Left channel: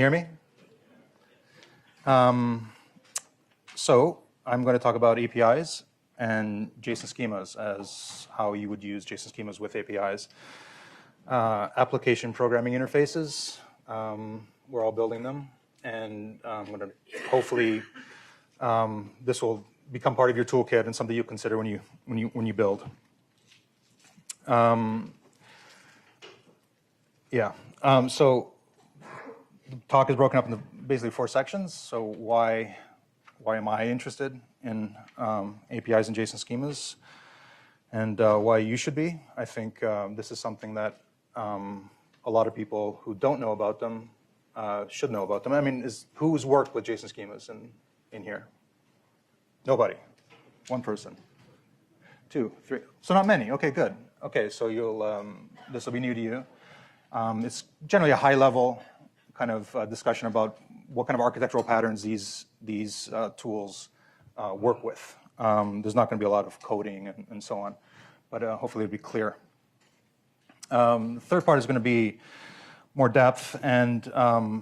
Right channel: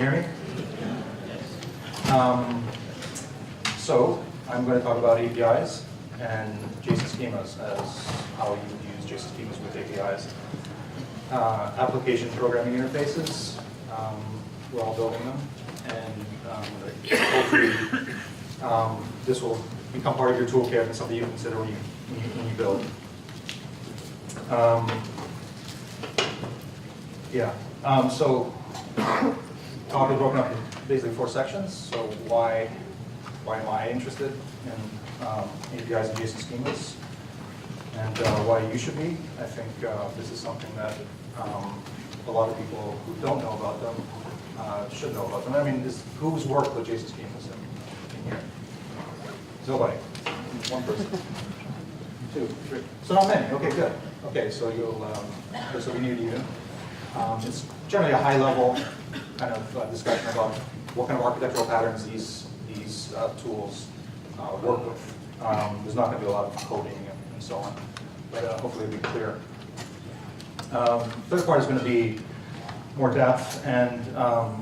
you hear me? So I'm going to talk about APIs and JSON schemas as how you would use JSON schemas with APIs. Application programming interfaces, we're all building them, and hopefully this will become part of your toolkit and something you consider when you build. So talk is broken up into basically 4 sections. So why am I interested in APIs and JSON schemas, and why you should be? I think this is something that a lot of people who don't know about them should know about them. I mean, who's worked with JSON schemas in here? Nobody. 1 person. 2, 3. So not many. Okay, good. Okay, so this will be new to you. It's generally a high-level kind of discussion about what kind of architectural patterns these tools work with. There's not going to be a lot of coding and so on, but hopefully it'll be clear. Third part is going to be more depth and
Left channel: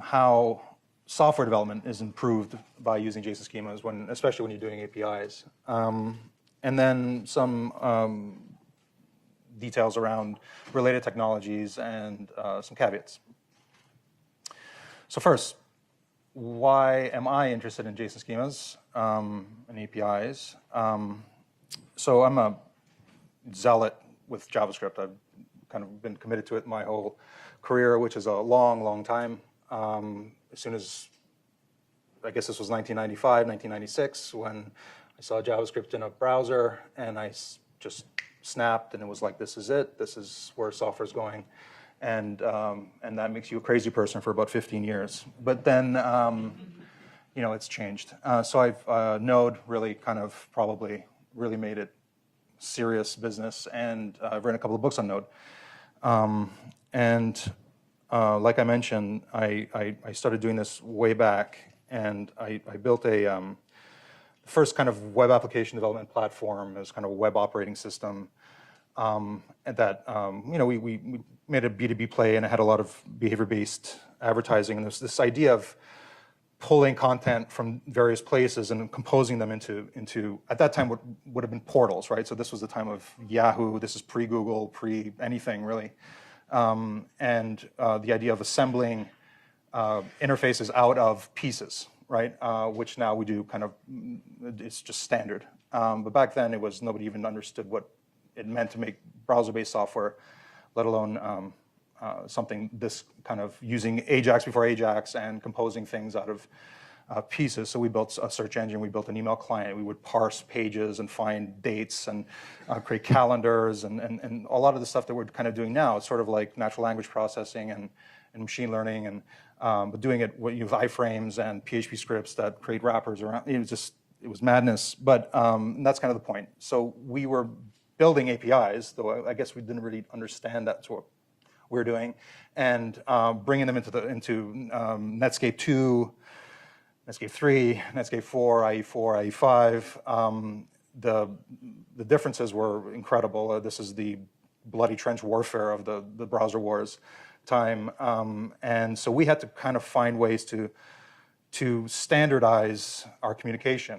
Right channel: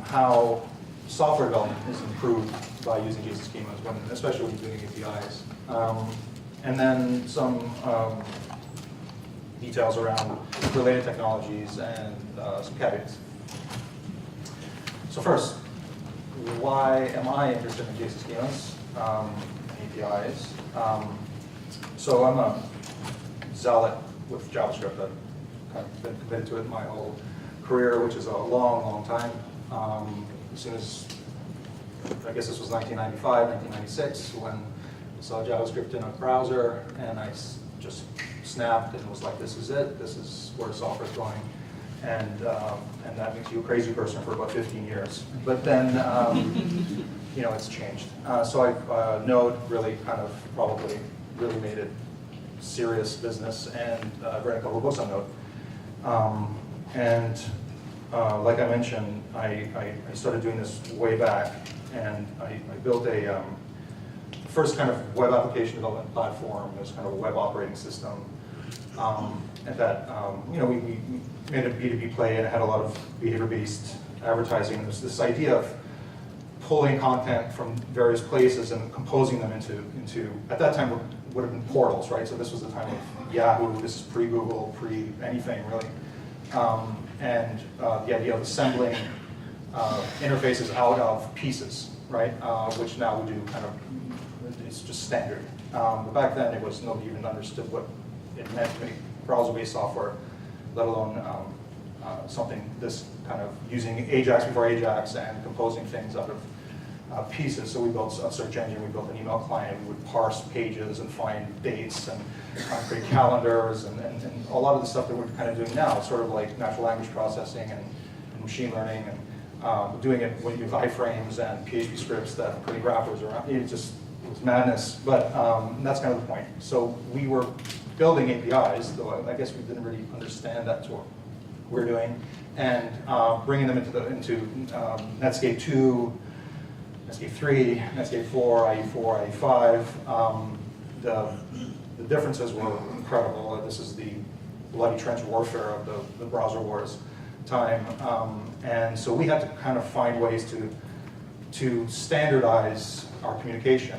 how software development is improved by using JSON schemas, especially when you're doing APIs. And then some details around related technologies and some caveats. So first, why am I interested in JSON schemas and APIs? So I'm a zealot with JavaScript. I've kind of been committed to it my whole career, which is a long, long time. As soon as, I guess this was 1995, 1996, when I saw JavaScript in a browser, and I just snapped, and it was like, this is it. This is where software is going. And that makes you a crazy person for about 15 years. But then, it's changed. So Node really kind of probably really made it serious business, and I've written a couple of books on Node. Like I mentioned, I started doing this way back, and I built a first kind of web application development platform. It was kind of a web operating system. And that, we made a B2B play, and it had a lot of behavior-based advertising. There's this idea of pulling content from various places and composing them into at that time, would have been portals, right? So this was the time of Yahoo. This is pre-Google, pre-anything, really. And the idea of assembling interfaces out of pieces, right? Which now we do kind of, it's just standard. But back then, nobody even understood what it meant to make browser-based software, let alone something this kind of using Ajax before Ajax and composing things out of pieces. So we built a search engine, we built an email client, we would parse pages and find dates and create calendars and a lot of the stuff that we're kind of doing now. It's sort of like natural language processing and machine learning, and doing it when you have iframes and PHP scripts that create wrappers around. It was madness, but that's kind of the point. So we were building APIs, though I guess we didn't really understand that's what we're doing, and bringing them into Netscape 2, Netscape 3, Netscape 4, IE4, IE5. The differences were incredible. This is the bloody trench warfare of the browser wars time, and so we had to kind of find ways to standardize our communication.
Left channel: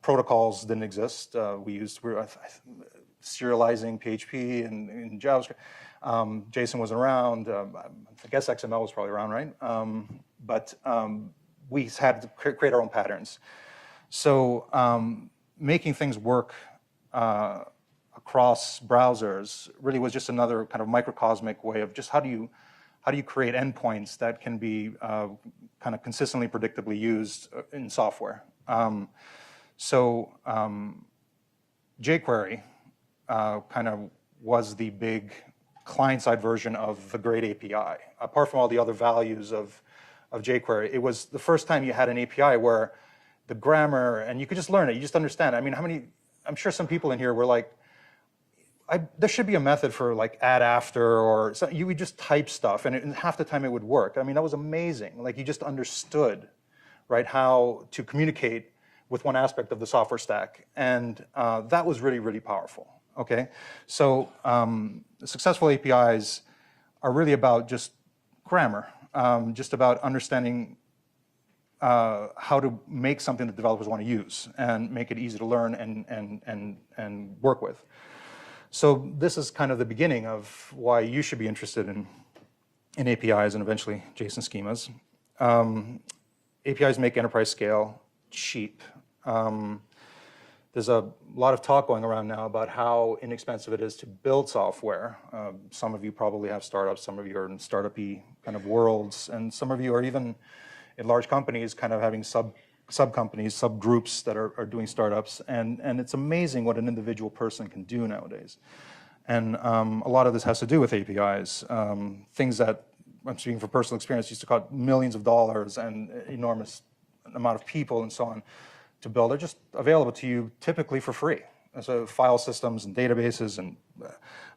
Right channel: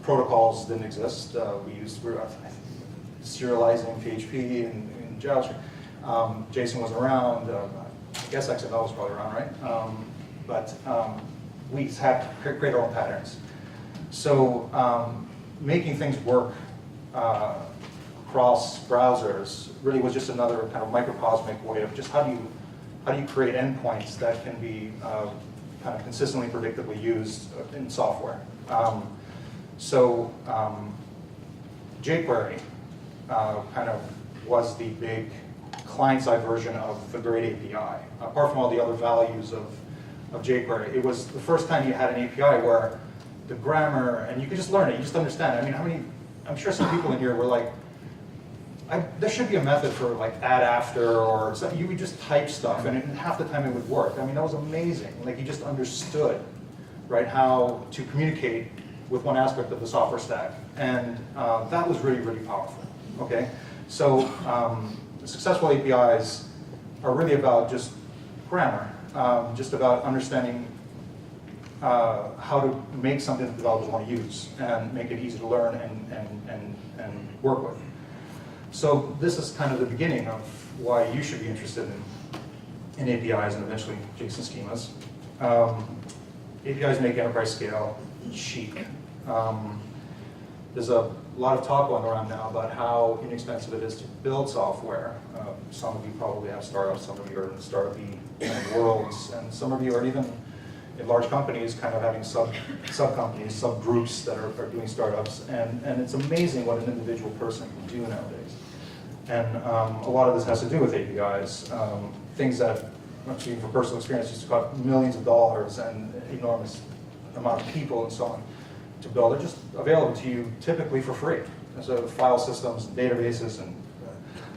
Protocols didn't exist. We were serializing PHP and JavaScript. JSON wasn't around. I guess XML was probably around, right? But we had to create our own patterns. So making things work across browsers really was just another kind of microcosmic way of just how do you create endpoints that can be kind of consistently, predictably used in software. jQuery kind of was the big client-side version of the great API. Apart from all the other values of jQuery, it was the first time you had an API where the grammar, and you could just learn it, you just understand it. I mean, I'm sure some people in here were like, there should be a method for like add after, or something. You would just type stuff, and half the time it would work. I mean, that was amazing. Like, you just understood, right, how to communicate with one aspect of the software stack. And that was really, really powerful, okay? So successful APIs are really about just grammar. just about understanding how to make something that developers want to use and make it easy to learn and work with. So this is kind of the beginning of why you should be interested in APIs and eventually JSON schemas. APIs make enterprise scale cheap. There's a lot of talk going around now about how inexpensive it is to build software. Some of you probably have startups, some of you are in startup-y kind of worlds, and some of you are even in large companies kind of having sub-companies, subgroups that are doing startups, and it's amazing what an individual person can do nowadays. And a lot of this has to do with APIs, things that, I'm speaking from personal experience, used to cost millions of dollars and enormous amount of people and so on to build. They're just available to you typically for free. So file systems and databases, and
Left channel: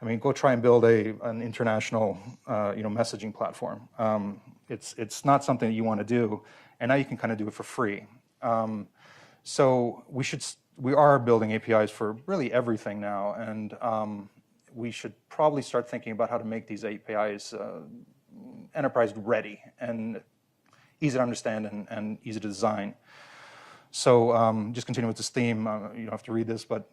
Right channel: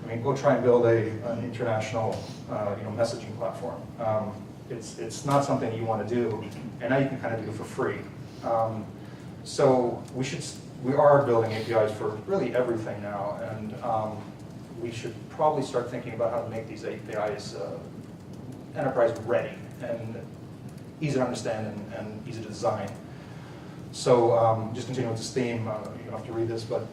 I mean, go try and build an international messaging platform. It's not something you want to do, and now you can kind of do it for free. So we are building APIs for really everything now, and we should probably start thinking about how to make these APIs enterprise ready and easy to understand and easy to design. So just continuing with this theme, you don't have to read this, but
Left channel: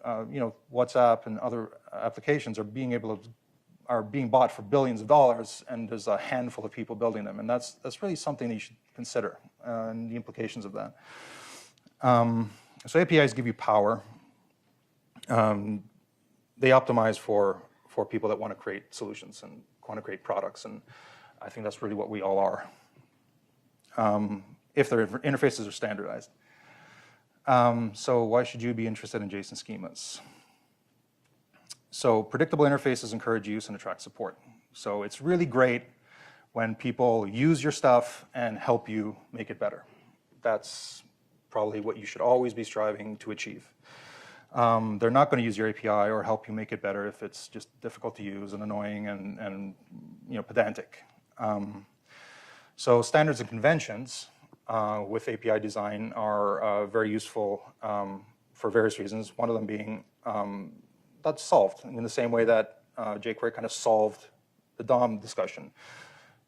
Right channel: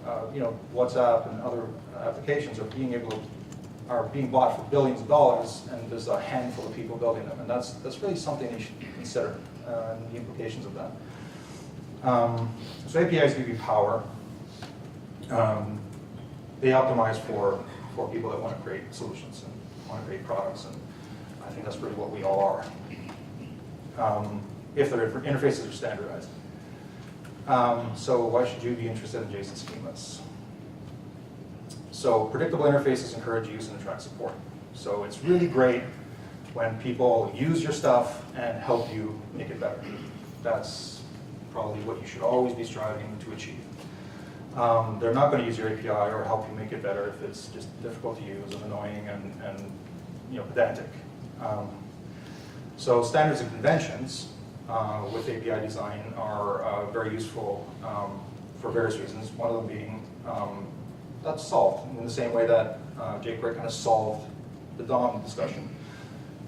WhatsApp and other applications are being bought for billions of dollars, and there's a handful of people building them, and that's really something you should consider and the implications of that. So APIs give you power. They optimize for people that want to create solutions and want to create products, and I think that's really what we all are, if their interfaces are standardized. So why should you be interested in JSON schemas? So predictable interfaces encourage use and attract support. So it's really great when people use your stuff and help you make it better. That's probably what you should always be striving to achieve. They're not going to use your API or help you make it better if it's just difficult to use and annoying and pedantic. So standards and conventions with API design are very useful for various reasons. One of them being that's solved in the same way that jQuery kind of solved the DOM discussion.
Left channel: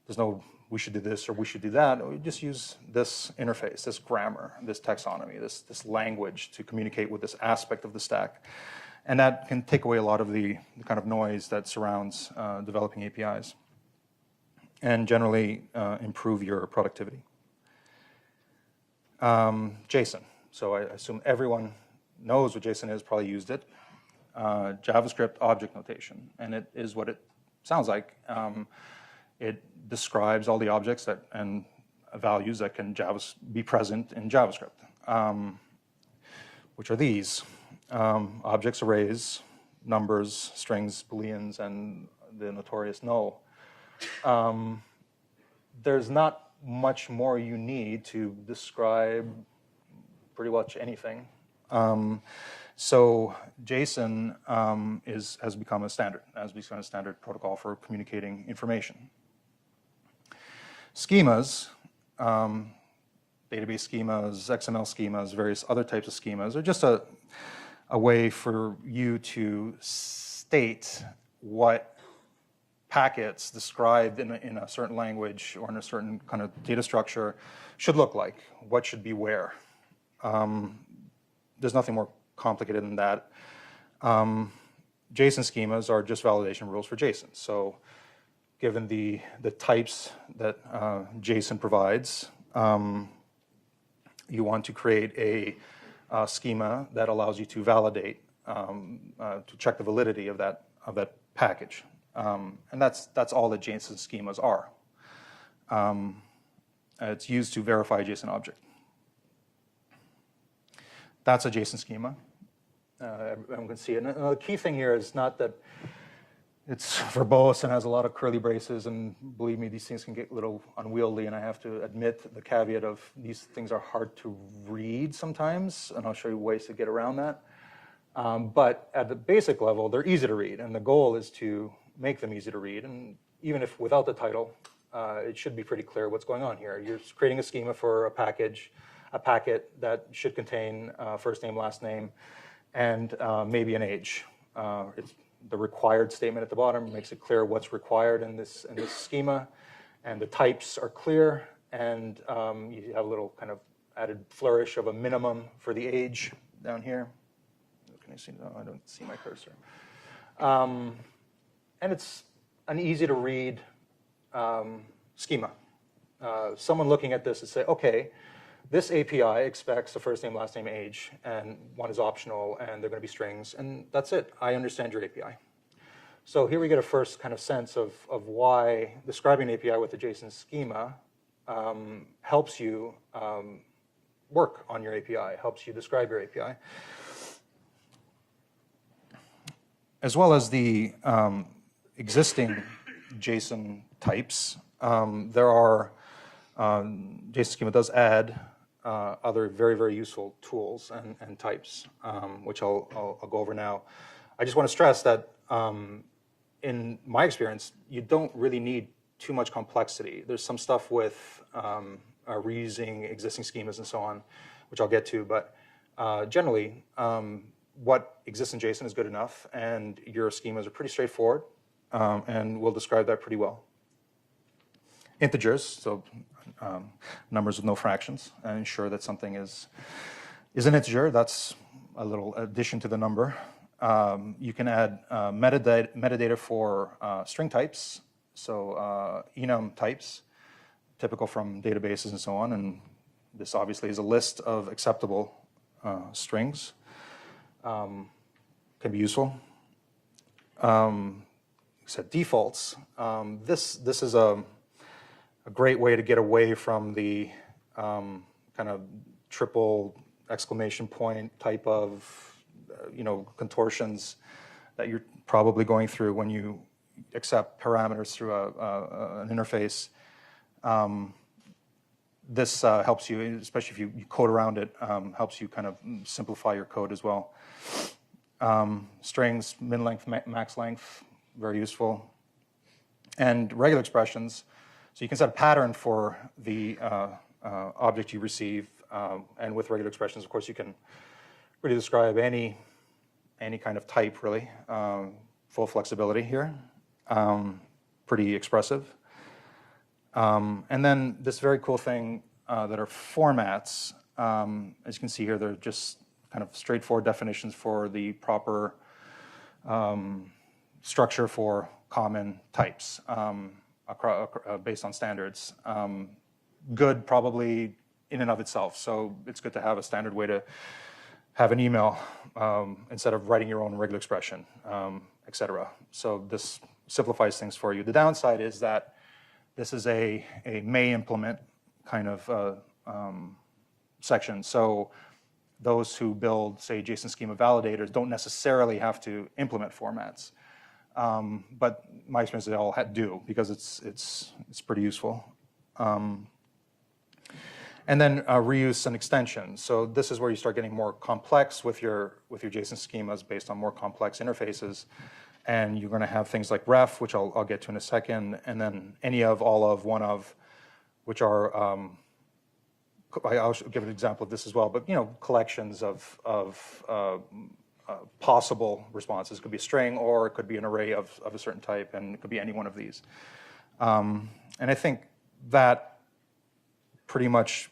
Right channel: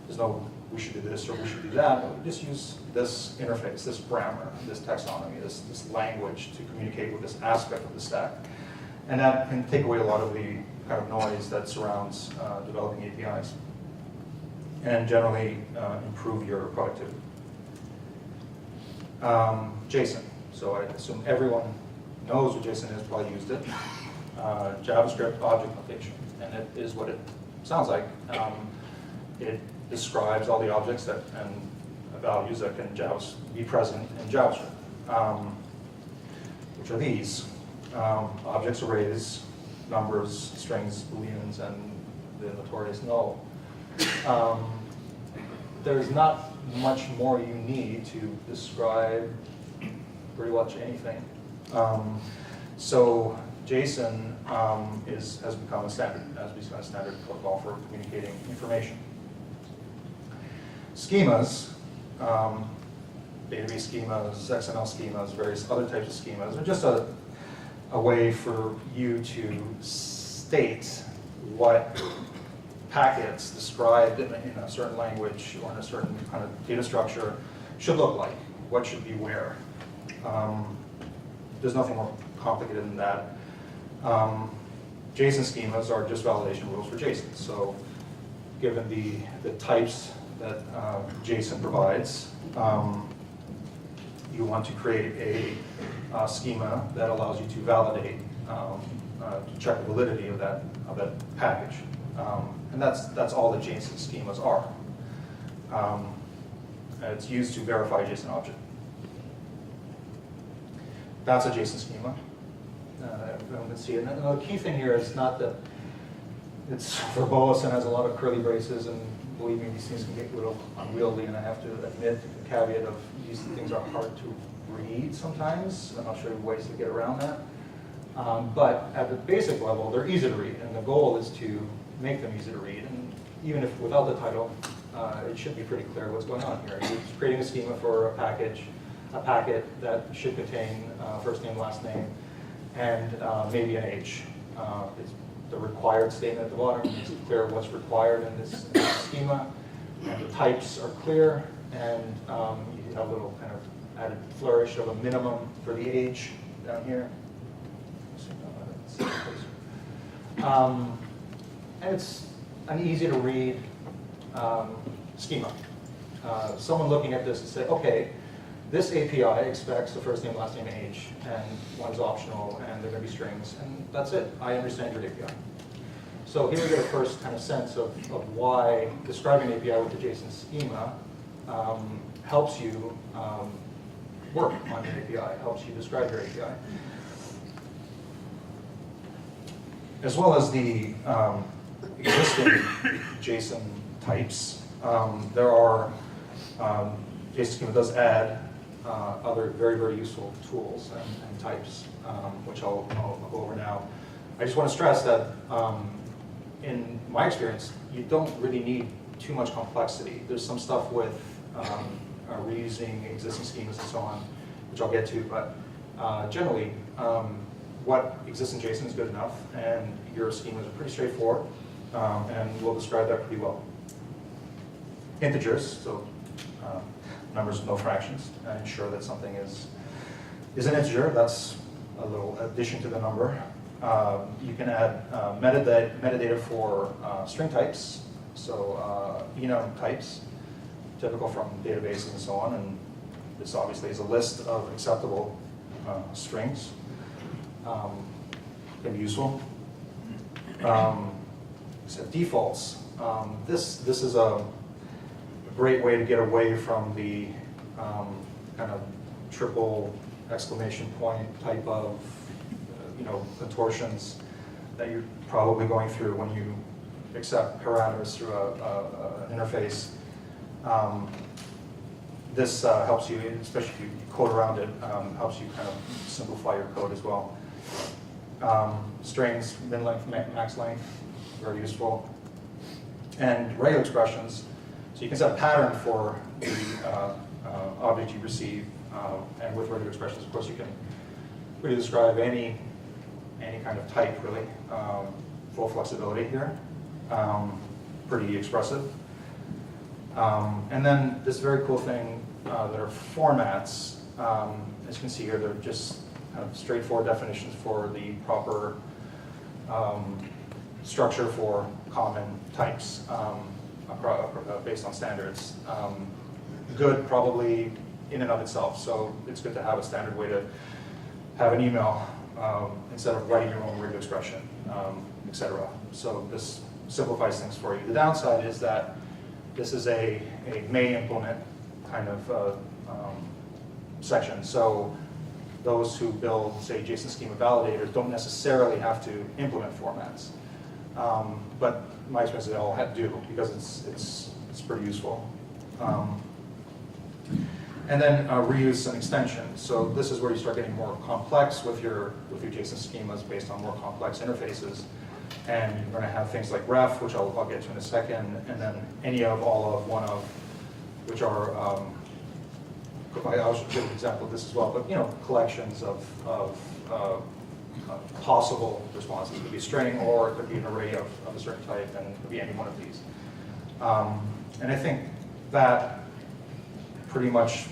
There's no we should do this or we should do that. We just use this interface, this grammar, this taxonomy, this language to communicate with this aspect of the stack. And that can take away a lot of the kind of noise that surrounds developing APIs and generally improve your productivity. JSON. So I assume everyone knows what JSON is, probably used it. JavaScript object notation, and it is what it sounds like. It describes all the objects and values that can be present in JavaScript, which are these. Objects, arrays, numbers, strings, booleans, and the notorious null. There's not much more you need to describe pretty much anything. So JSON has become a standard protocol for communicating information. Schemas, database schemas, XML schemas, various other types of schemas, are just a way for you to state what packets described in a certain language or in a certain kind of data structure should look like, what should be where. There's nothing more complicated than that. JSON schemas are just validation rules for JSON. So given the types that JSON provides, you want to create a schema that allows you to validate, to check the validity of that package. And that's all that JSON schemas are. It's used to verify a JSON object. That's a JSON schema. Everyone can see it. Now, the key thing here is not that it's verbose and has a lot of curly braces, and believe me, these things can get a little unwieldy, and I have to admit the caveat of these things are hard to read sometimes, and I'll show you ways to get around that. But at the basic level, they're easy to read, and the goal is to make them easy to read, and even if without the title, it should be pretty clear what's going on here. You're creating a schema for a packet that should contain first name, last name, and maybe an age. It's the required statement at the bottom makes it clear what's required in this schema. and the types are clear, and you have a little kind of added flourish of a minimum for the age down here. And it's an easy to read schema. Someone looking at this would say, okay, this API expects the first name, last name, age, and one's optional, and they're going to be strings, and that's it. I understand your API. So here we get a first kind of sense of why describing an API with the JSON schema helps you work on your API, helps you describe your API. As well as the existing JSON types, there are, JSON schema does add other very, very useful tools and types, which I'll go over now. I just want to stress that in my experience, you don't really need too much complexity. There's some stuff with reusing existing schemas and so on, which I'll get to, but generally, what exists in JSON is good enough, and your schemas are pretty straightforward, and we'll describe that pretty well. Integers, so numbers with no fractions, and ensure that something is an integer. That's a little addition to the number. You can add metadata for string types, so enum types, typical from databases and so on, and this obviously is a list of acceptable strings. Can be useful. So defaults. This is a great way to get away from the kind of triple exclamation point type of contortions that you're probably going through when you accept parameters through an interface. This helps you, especially if you code around it, helps you kind of simplify your code as well. Strings, min length, max length, very useful. And regular expressions, so you can set a pattern for the object you receive, and with regular expressions, of course, you can really describe any kind of type, really. Full flexibility here, pretty expressive. And then this very cool thing that are formats. As you can see here, they're just kind of straightforward definitions for the proper structure for common types based on standards. Good probably in and of itself, so it's good to have a standard way to have an email instead of writing your own regular expression, etc. So this simplifies things for you. The downside is that this is a may implement kind of section. So those who build, say, JSON schema validators don't necessarily have to implement formats. But my experience is they all do, because it's pretty useful. And then reuse and extension. So this is where you start getting more complex with your JSON schemas based on more complex interfaces. And you're going to have things like ref, which I'll get to in a second, and then any of, all of, one of, which are, I'll give an example of this as well, but collections of possible responses. It could be a string, or it could be an array of a certain type, and it could be any one of these. And I think that pretty much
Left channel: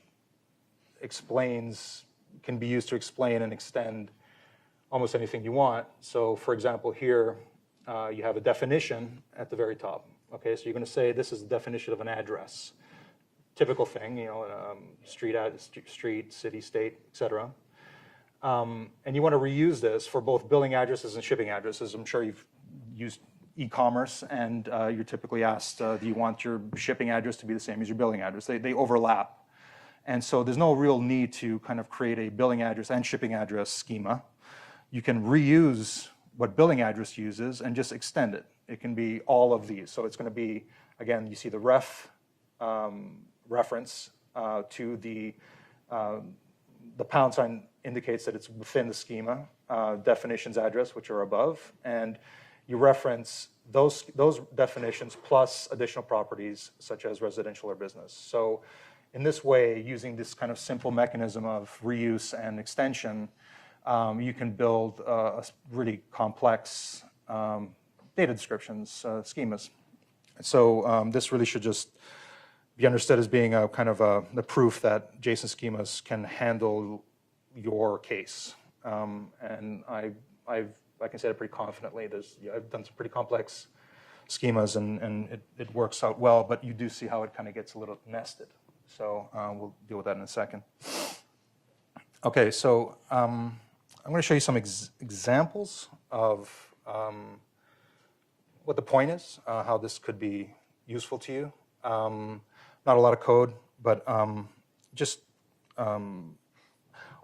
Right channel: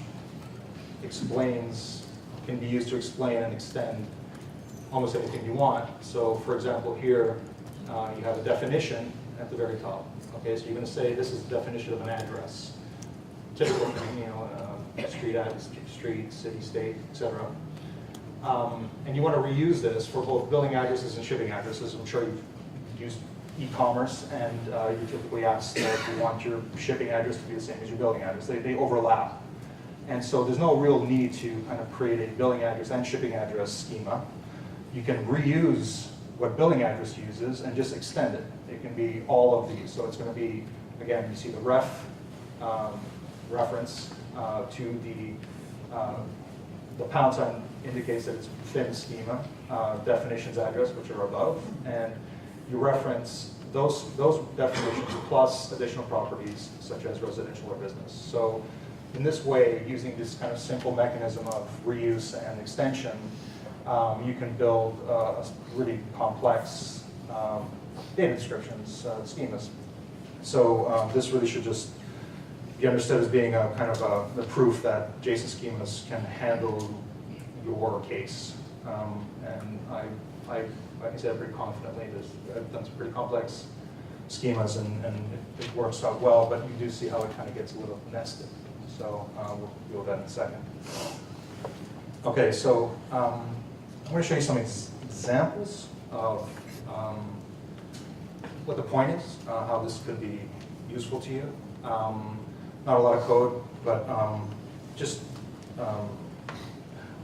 can be used to explain and extend almost anything you want. So for example, here you have a definition at the very top. Okay, so you're going to say this is the definition of an address. Typical thing, street, city, state, etc. And you want to reuse this for both billing addresses and shipping addresses. I'm sure you've used e-commerce, and you're typically asked, you want your shipping address to be the same as your billing address. They overlap. And so there's no real need to kind of create a billing address and shipping address schema. You can reuse what billing address uses and just extend it. It can be all of these. So it's going to be, again, you see the ref reference to the pound sign indicates that it's within the schema, definitions address, which are above, and you reference those definitions plus additional properties such as residential or business. So in this way, using this kind of simple mechanism of reuse and extension, you can build really complex data descriptions, schemas. So this really should just be understood as being a kind of the proof that JSON schemas can handle your case. And I can say that pretty confidently. I've done some pretty complex schemas, and it works out well, but you do see how it kind of gets a little nested. So we'll deal with that in a second. Okay, so I'm going to show you some examples of what the point is, how this could be useful to you. Not a lot of code, but just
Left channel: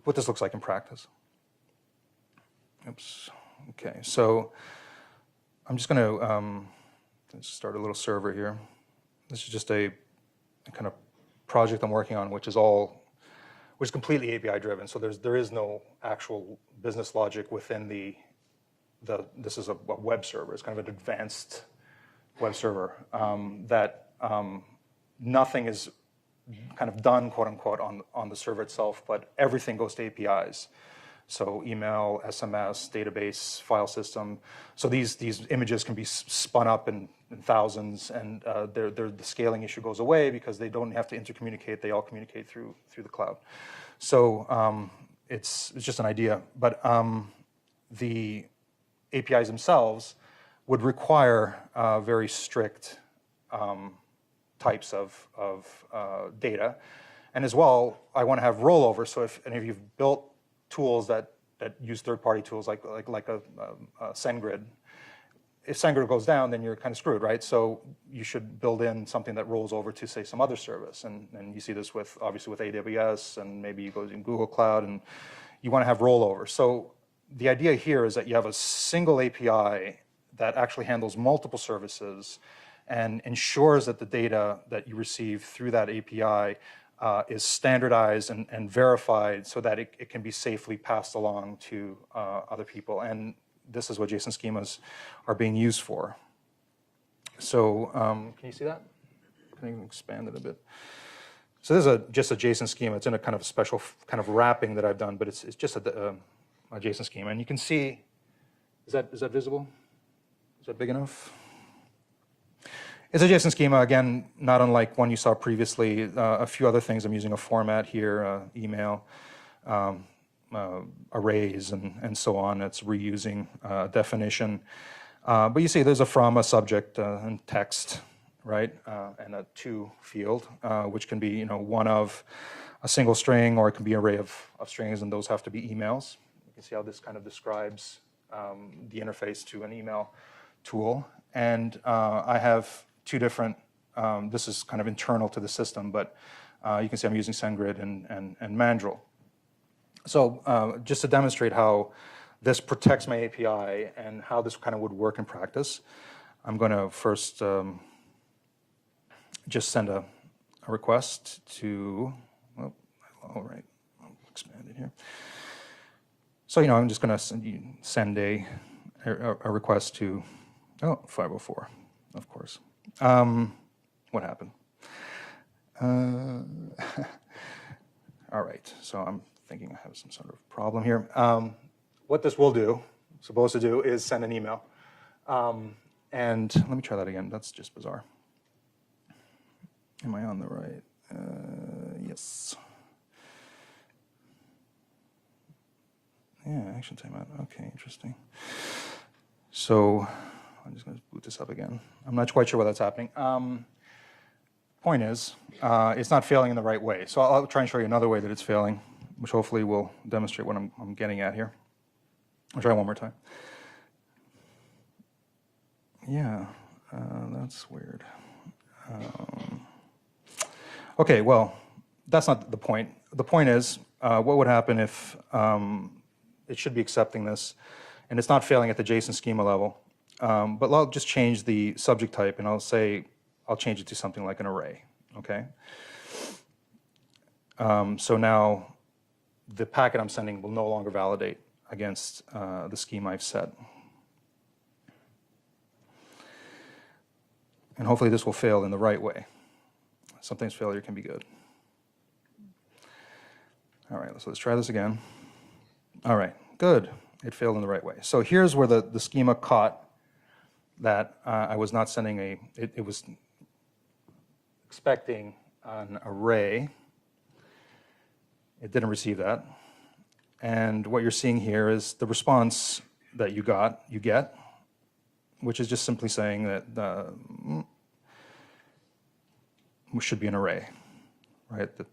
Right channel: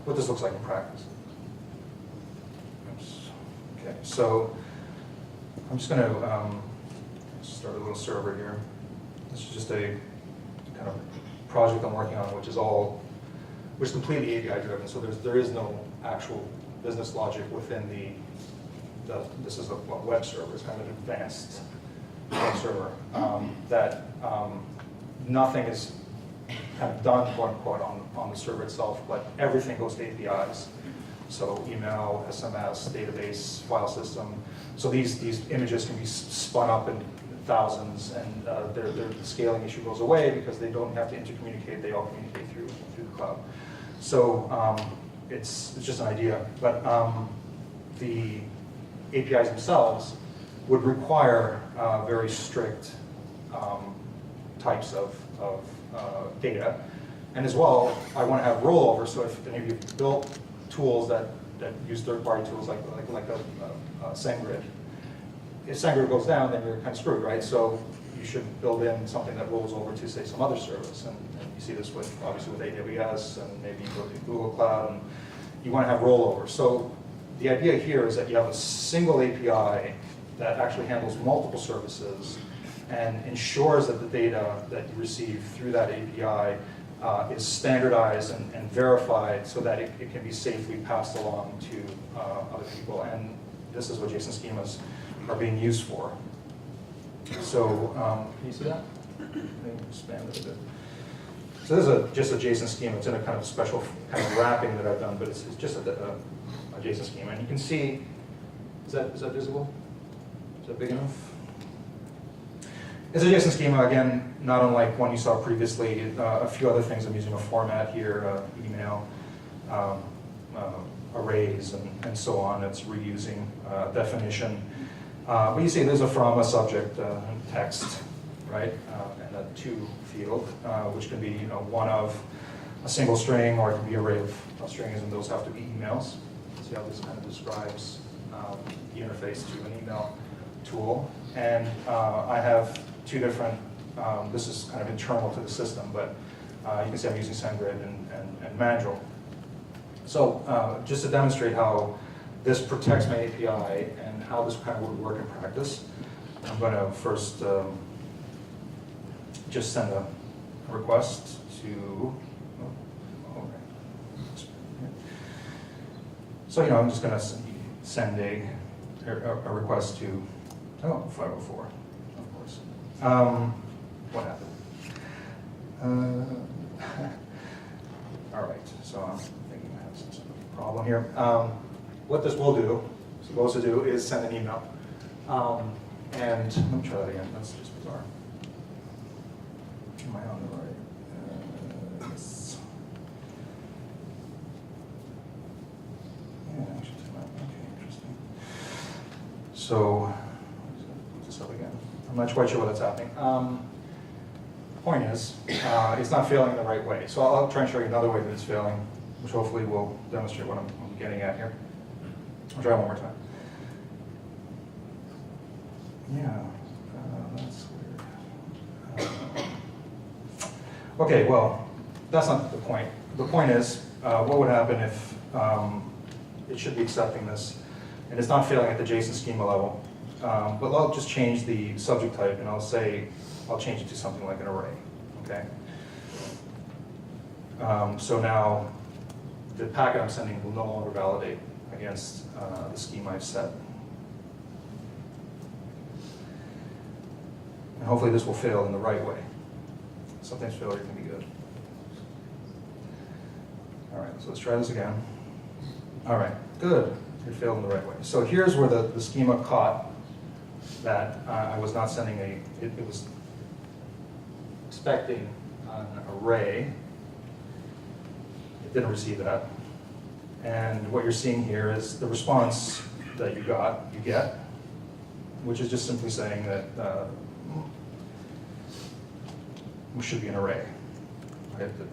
what this looks like in practice. Oops. Okay, so I'm just going to start a little server here. This is just a kind of project I'm working on, which is completely API driven. So there is no actual business logic within this is a web server. It's kind of an advanced web server that nothing is kind of done, quote unquote, on the server itself, but everything goes to APIs. So email, SMS, database, file system. So these images can be spun up in thousands, and the scaling issue goes away because they don't have to intercommunicate. They all communicate through the cloud. So it's just an idea, but the APIs themselves would require very strict types of data. And as well, I want to have rollover. So if any of you have built tools that use third-party tools like a SendGrid, if SendGrid goes down, then you're kind of screwed, right? So you should build in something that rolls over to, say, some other service. And you see this obviously with AWS, and maybe you go to Google Cloud, and you want to have rollover. So the idea here is that you have a single API that actually handles multiple services and ensures that the data that you receive through that API is standardized and verified so that it can be safely passed along to other people. And this is what JSON schemas are being used for. So can you see that? Let me expand it a bit. So this is just a JSON schema. It's in a kind of special kind of wrapping that I've done, but it's just a JSON schema. And you can see, is that visible? Is that big enough? It's a JSON schema, again, not unlike one you saw previously. A few other things. I'm using a format here, email, arrays, and so on. It's reusing definition. But you see there's a from, a subject, and text, right? And a to field, which can be one of a single string, or it could be an array of strings, and those have to be emails. See how this kind of describes the interface to an email tool. And I have two different, this is kind of internal to the system, but you can see I'm using SendGrid and Mandrill. So just to demonstrate how this protects my API and how this kind of would work in practice, I'm going to first just send a request to, all right, expand it here. So I'm just going to send a request to 504, of course. What happened? All right, so I'm thinking I have some sort of problem here. What this will do, supposed to do, is send an email. And let me try that again. That's just bizarre. Am I on the right? Yes. Yeah, action timeout. Okay, interesting. So I'm just going to boot this up again. I'm not quite sure what that's happening. Point is, it's not failing in the right way. So I'll try and show you another way that it's failing, which hopefully will demonstrate what I'm getting at here. I'll try one more time. Yeah, that's weird. Okay, well, that's not the point. The point is, what would happen if it should be accepting this, and it's not failing at the JSON schema level. But I'll just change the subject type, and I'll change it to something like an array, okay? So now the packet I'm sending will no longer validate against the schema I've set. And hopefully this will fail in the right way. Sometimes failure can be good. All right, so let's try this again. All right, good. It failed in the right way. So here's where the schema caught that I was not sending it was expecting an array. It didn't receive that. And what you're seeing here is the response that you get, which is just simply saying that should be an array, right? That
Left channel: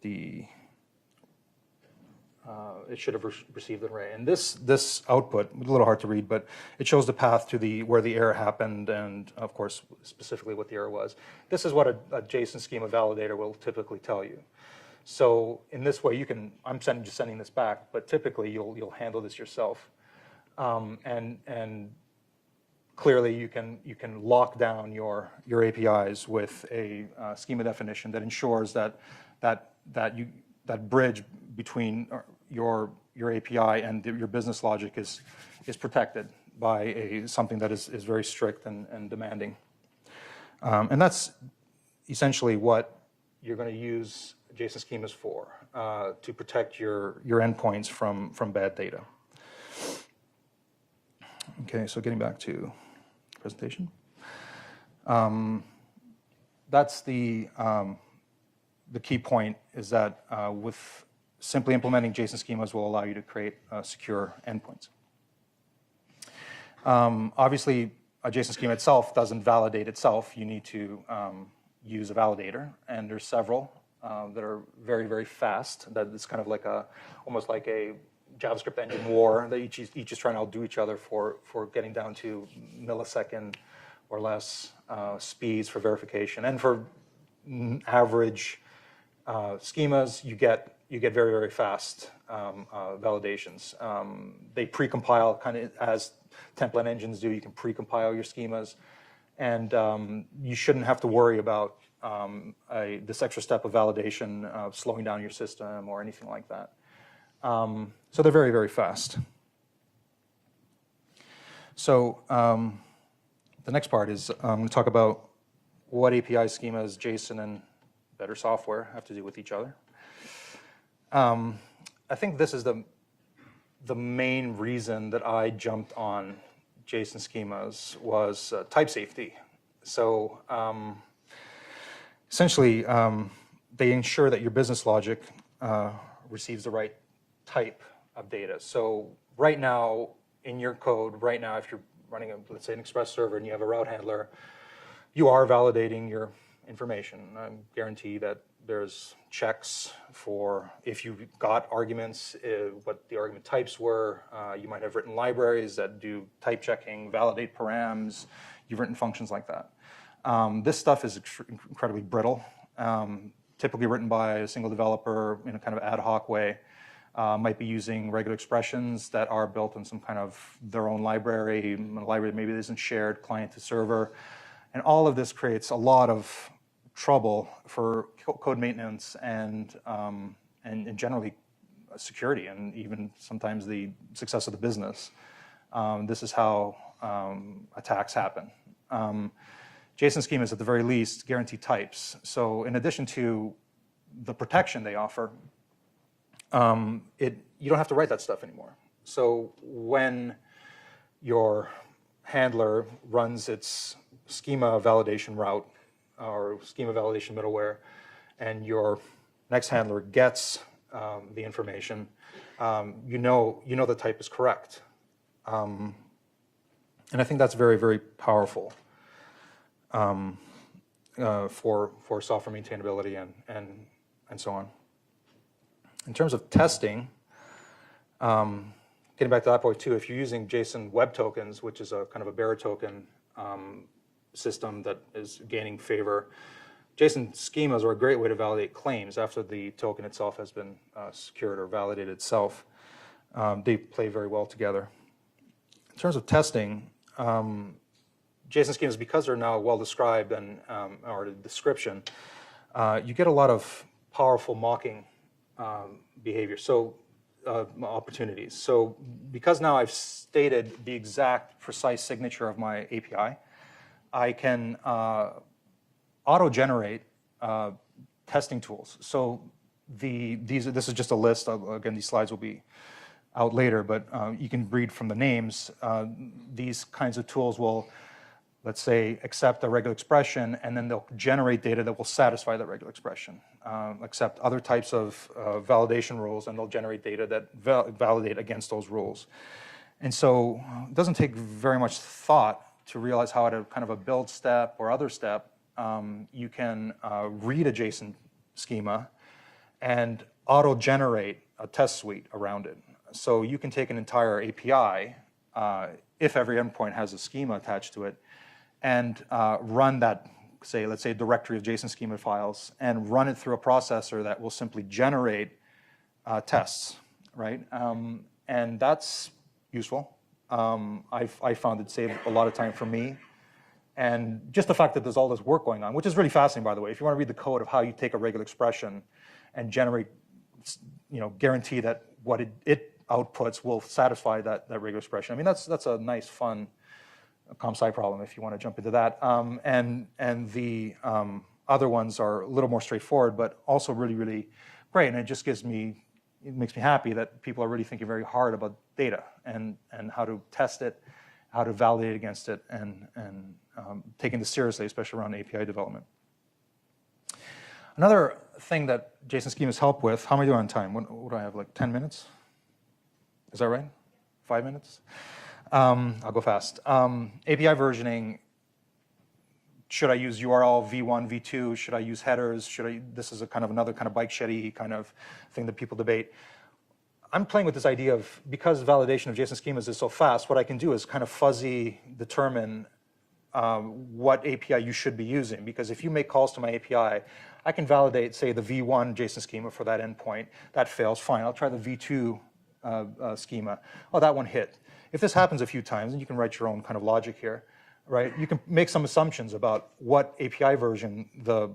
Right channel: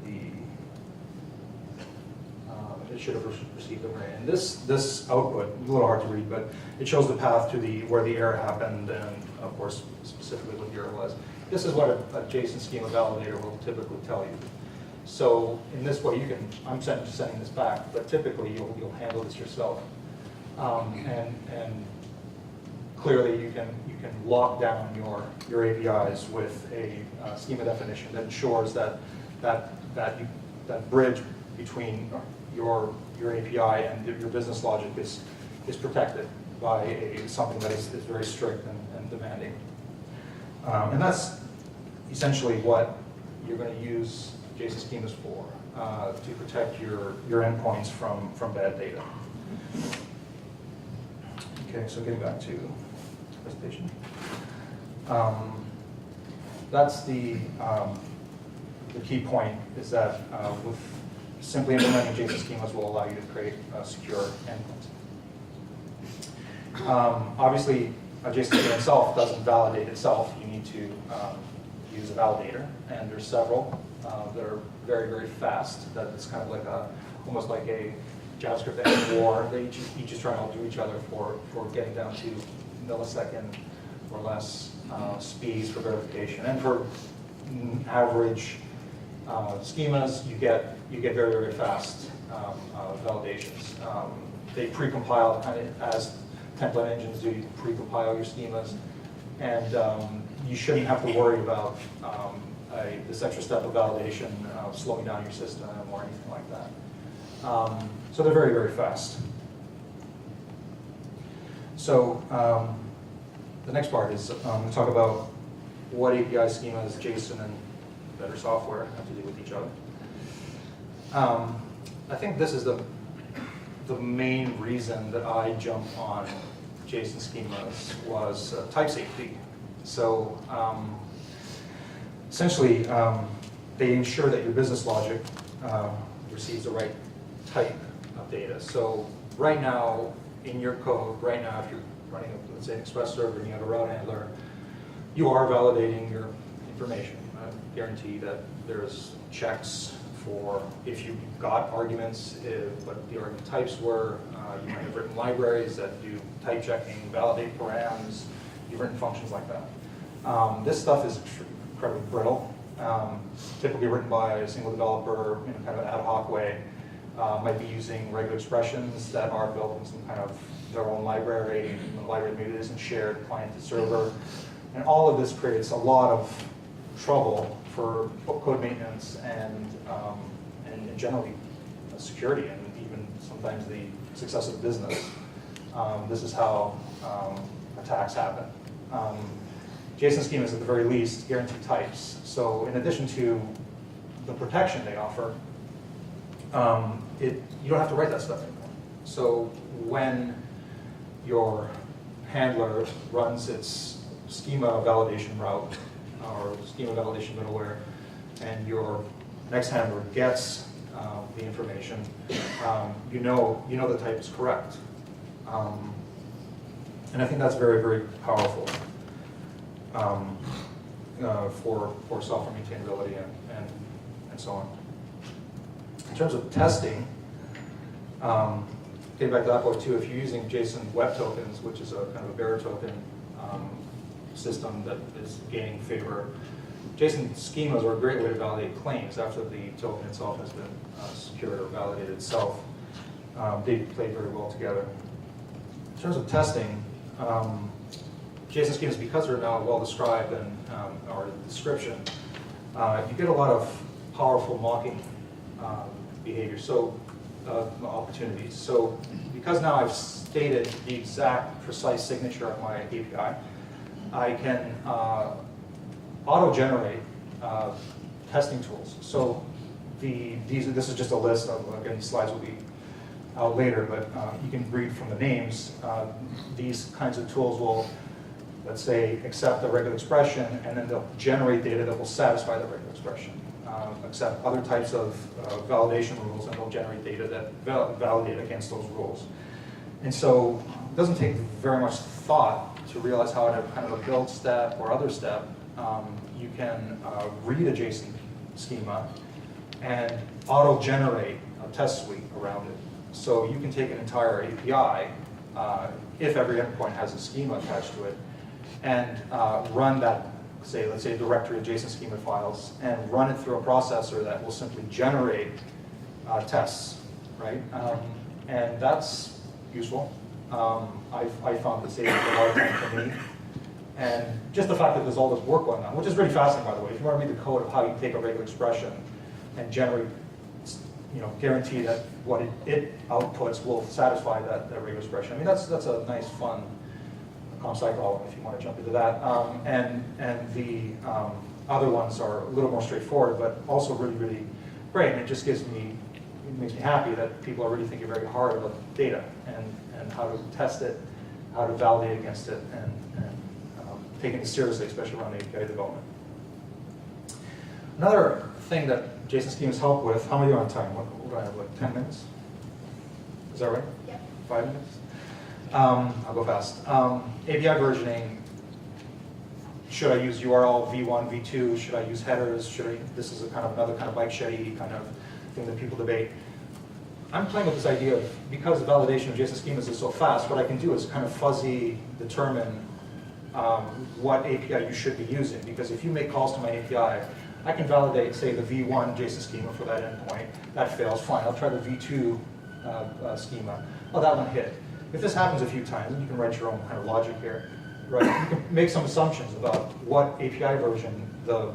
it should have received an array. And this output, a little hard to read, but it shows the path to where the error happened, and of course specifically what the error was. This is what a JSON schema validator will typically tell you. So in this way, I'm just sending this back, but typically you'll handle this yourself, and clearly you can lock down your APIs with a schema definition that ensures that bridge between your API and your business logic is protected by something that is very strict and demanding. And that's essentially what you're going to use JSON schemas for, to protect your endpoints from bad data. Okay, so getting back to presentation. That's the key point, is that with simply implementing JSON schemas will allow you to create secure endpoints. Obviously, a JSON schema itself doesn't validate itself. You need to use a validator, and there's several that are very, very fast. That is kind of like almost like a JavaScript end war that each is trying to outdo each other for getting down to millisecond or less speeds for verification. And for average schemas, you get very, very fast validations. They pre-compile kind of as template engines do. You can pre-compile your schemas, and you shouldn't have to worry about this extra step of validation slowing down your system or anything like that. So they're very, very fast. So the next part is to talk about what API schemas, JSON, and better software have to do with each other. I think this is the main reason that I jumped on JSON schemas was type safety. So essentially, they ensure that your business logic receives the right type of data. So right now, in your code, right now, if you're running, let's say, an Express server and you have a route handler, you are validating your information. I guarantee that there's checks for if you got arguments, what the argument types were. You might have written libraries that do type checking, validate params. You've written functions like that. This stuff is incredibly brittle, typically written by a single developer in a kind of ad hoc way. Might be using regular expressions that are built in some kind of their own library. The library maybe isn't shared client to server. And all of this creates a lot of trouble for code maintenance and generally security, and even sometimes the success of the business. This is how attacks happen. JSON schemas, at the very least, guarantee types. So in addition to the protection they offer, you don't have to write that stuff anymore. So when your handler runs its schema validation route or schema validation middleware, and your next handler gets the information, you know the type is correct. And I think that's very, very powerful for software maintainability and so on. In terms of testing, getting back to that point too, if you're using JSON web tokens, which is a kind of a bearer token system that is gaining favor, JSON schemas are a great way to validate claims after the token itself has been secured or validated itself. They play very well together. In terms of testing, JSON schemas, because they're now well described and or description, you get a lot of powerful mocking behavior, so opportunities. So because now I've stated the exact precise signature of my API, I can auto-generate testing tools. So this is just a list. Again, these slides will be out later, but you can read from the names. These kinds of tools will, let's say, accept a regular expression, and then they'll generate data that will satisfy that regular expression. accept other types of validation rules, and they'll generate data that validate against those rules. And so it doesn't take very much thought to realize how at a kind of a build step or other step, you can read a JSON schema and auto-generate a test suite around it. So you can take an entire API, if every endpoint has a schema attached to it, and run that, let's say a directory of JSON schema files, and run it through a processor that will simply generate tests, right? And that's useful. I found it saved a lot of time for me. And just the fact that there's all this work going on, which is really fascinating, by the way. If you want to read the code of how you take a regular expression and generate, guarantee that what it outputs will satisfy that regular expression. I mean, that's a nice, fun comp-sci problem if you want to jump into that. And the other ones are a little more straightforward, but also really, really great. And it just makes me happy that people are really thinking very hard about data and how to test it, how to validate against it, and taking this seriously, especially around API development. Another thing that JSON schemas help with, how am I doing on time? What do I have, like 10 minutes? Is that right? Yeah. 5 minutes? I'll go fast. API versioning, should I use URL v1, v2? Should I use headers? This is another kind of bike sheddy kind of thing that people debate. I'm playing with this idea of, because the validation of JSON schemas is so fast, what I can do is kind of fuzzy determine what API you should be using. Because if you make calls to my API, I can validate, say, the v1 JSON schema for that endpoint. That fails, fine. I'll try the v2 schema. Oh, that one hit. If this happens a few times, and you can write your own kind of logic here, right? You can make some assumptions about what API version the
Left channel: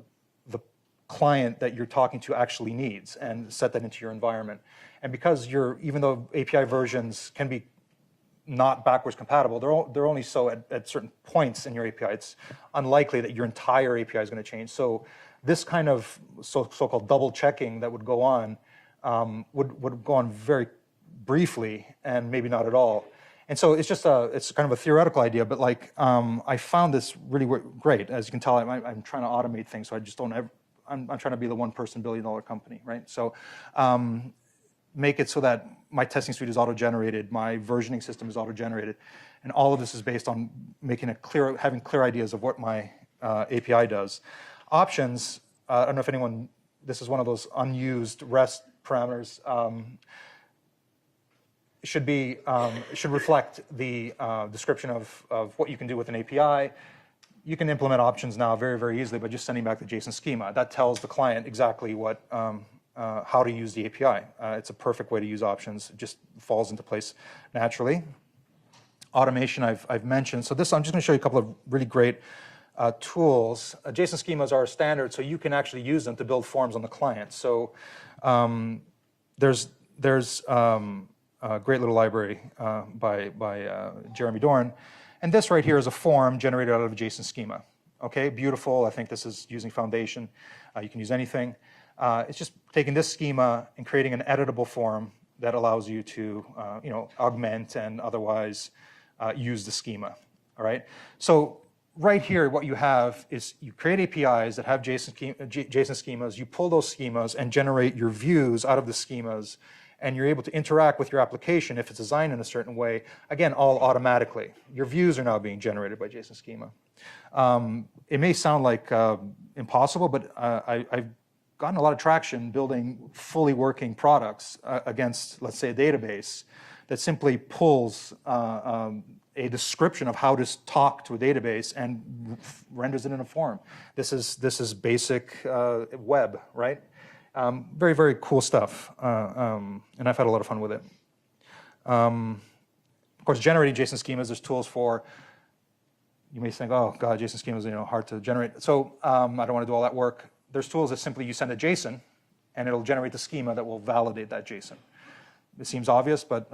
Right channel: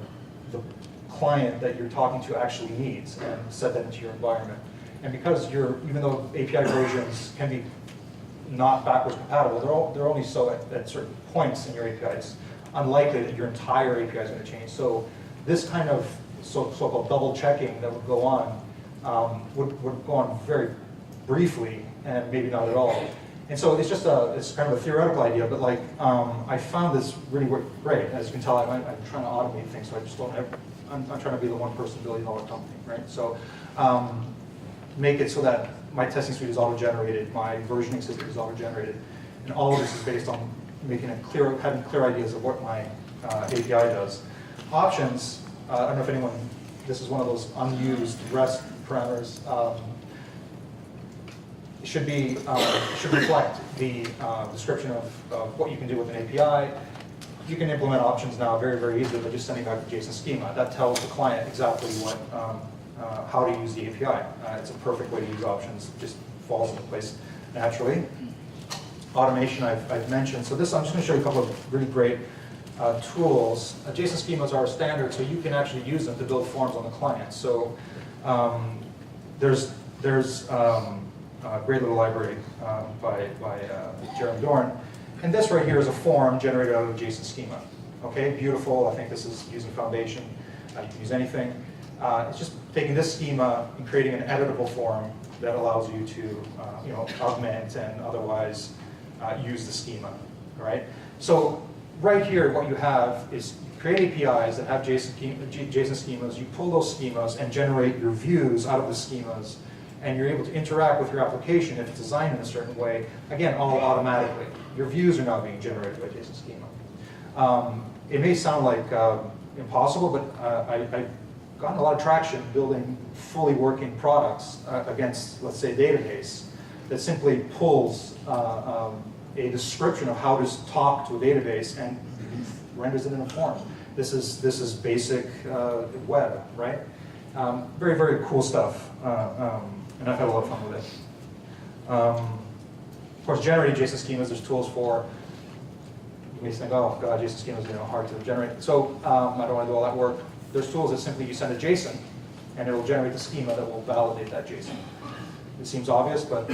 client that you're talking to actually needs, and set that into your environment. And because even though API versions can be not backwards compatible, they're only so at certain points in your API. It's unlikely that your entire API is going to change. So this kind of so-called double checking that would go on would go on very briefly and maybe not at all. And so it's just it's kind of a theoretical idea, but like I found this really great. As you can tell, I'm trying to automate things, so I just don't I'm trying to be the $1 billion company, right? So make it so that my testing suite is auto-generated, my versioning system is auto-generated, and all of this is based on having clear ideas of what my API does. Options, I don't know if this is one of those unused REST parameters. It should reflect the description of what you can do with an API. You can implement options now very, very easily by just sending back the JSON schema. That tells the client exactly how to use the API. It's a perfect way to use options. It just falls into place naturally. Automation I've mentioned. So I'm just going to show you a couple of really great tools. JSON schemas are standard, so you can actually use them to build forms on the client. So there's a great little library by Jeremy Dorn. And this right here is a form generated out of a JSON schema. Okay, beautiful. I think this is using Foundation. You can use anything. It's just taking this schema and creating an editable form that allows you to augment and otherwise use the schema. All right. So right here, what you have is you create APIs that have JSON schemas. You pull those schemas and generate your views out of the schemas, and you're able to interact with your application if it's designed in a certain way. Again, all automatically. Your views are now being generated by JSON schema. It may sound like impossible, but I've gotten a lot of traction building fully working products against, let's say, a database that simply pulls a description of how to talk to a database and renders it in a form. This is basic web, right? Very, very cool stuff, and I've had a lot of fun with it. Of course, generating JSON schemas, there's tools for. You may think, oh God, JSON schemas are hard to generate. So I don't want to do all that work. There's tools that simply you send a JSON, and it'll generate the schema that will validate that JSON. It seems obvious, but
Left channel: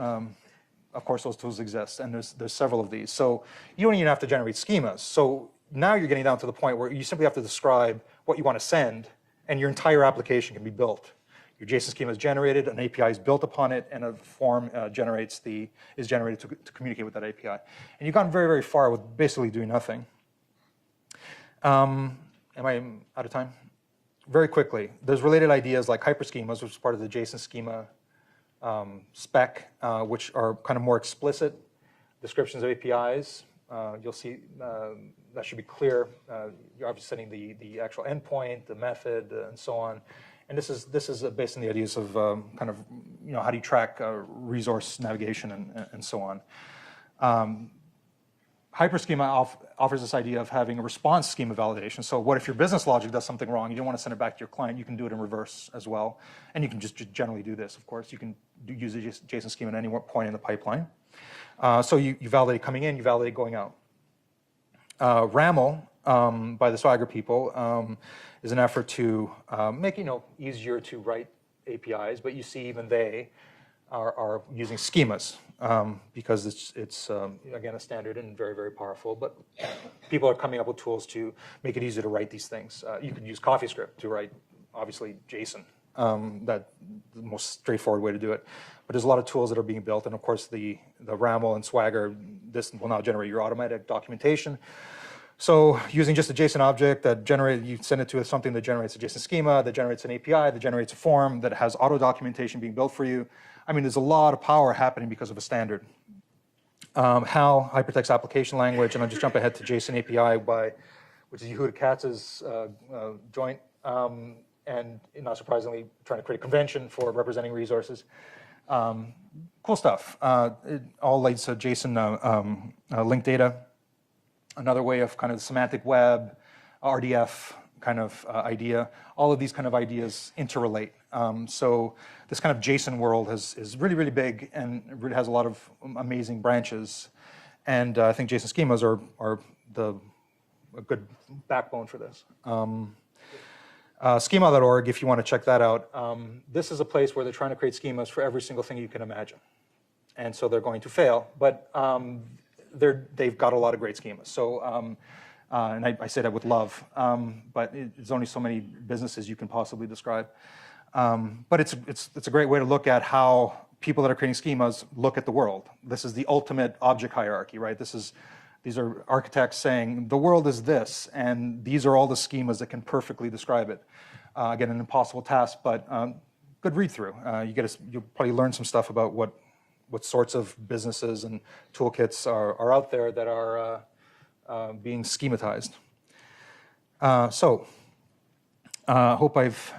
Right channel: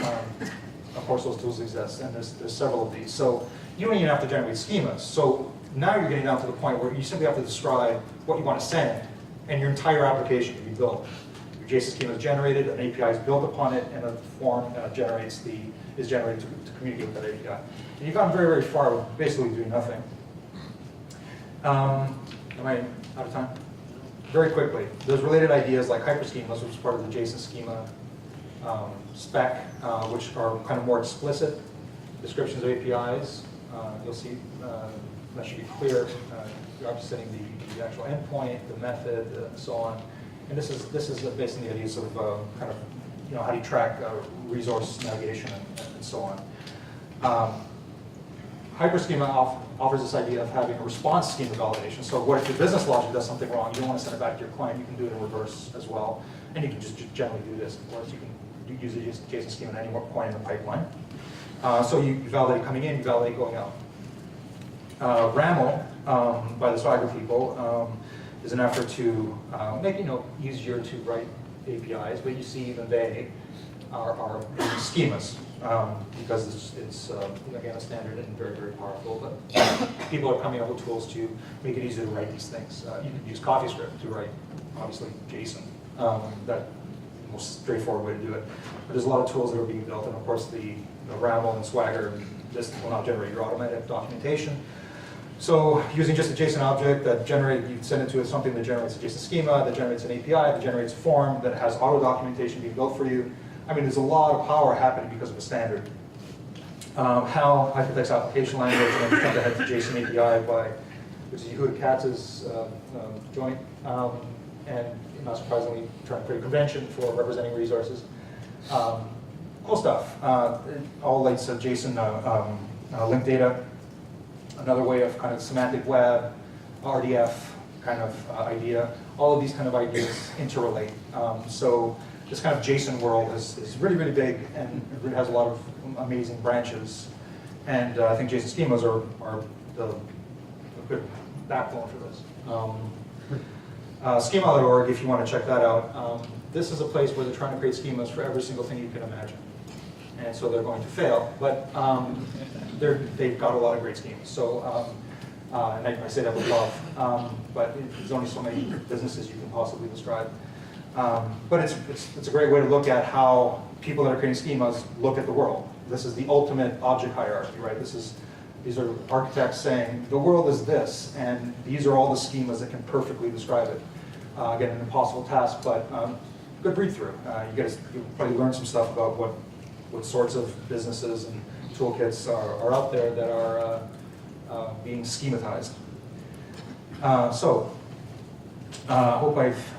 of course those tools exist, and there's several of these. So you don't even have to generate schemas. So now you're getting down to the point where you simply have to describe what you want to send, and your entire application can be built. Your JSON schema is generated, an API is built upon it, and a form is generated to communicate with that API. And you've gotten very, very far with basically doing nothing. Am I out of time? very quickly, there's related ideas like hyperschemas, which is part of the JSON schema spec, which are kind of more explicit descriptions of APIs. You'll see that should be clear. You're obviously setting the actual endpoint, the method, and so on. And this is based on the ideas of kind of, how do you track resource navigation and so on. Hyperschema offers this idea of having a response schema validation. So what if your business logic does something wrong? You don't want to send it back to your client. You can do it in reverse as well. And you can just generally do this, of course. You can use a JSON schema at any point in the pipeline. So you validate coming in, you validate going out. RAML, by the Swagger people, is an effort to make it easier to write APIs, but you see even they are using schemas because it's again, a standard and very, very powerful. But people are coming up with tools to make it easier to write these things. You could use CoffeeScript to write, obviously, JSON. That's the most straightforward way to do it. But there's a lot of tools that are being built, and of course the RAML and Swagger, this will now generate your automatic documentation. So using just a JSON object that you send it to something that generates a JSON schema, that generates an API, that generates a form, that has auto documentation being built for you. I mean, there's a lot of power happening because of a standard. How hypertext application language, and I'll just jump ahead to JSON API which is Yehuda Katz's joint, and not surprisingly, trying to create a convention for representing resources. Cool stuff. It all relates to JSON linked data. Another way of kind of semantic web, RDF kind of idea. All of these kind of ideas interrelate. So this kind of JSON world is really, really big and it really has a lot of amazing branches. And I think JSON schemas are a good backbone for this. Schema.org, if you want to check that out. This is a place where they're trying to create schemas for every single thing you can imagine. And so they're going to fail, but they've got a lot of great schemas. So, and I say that with love, but there's only so many businesses you can possibly describe. But it's a great way to look at how people that are creating schemas look at the world. This is the ultimate object hierarchy, right? These are architects saying the world is this, and these are all the schemas that can perfectly describe it. Again, an impossible task, but good read through. You'll probably learn some stuff about what sorts of businesses and toolkits are out there that are being schematized. So, hope I've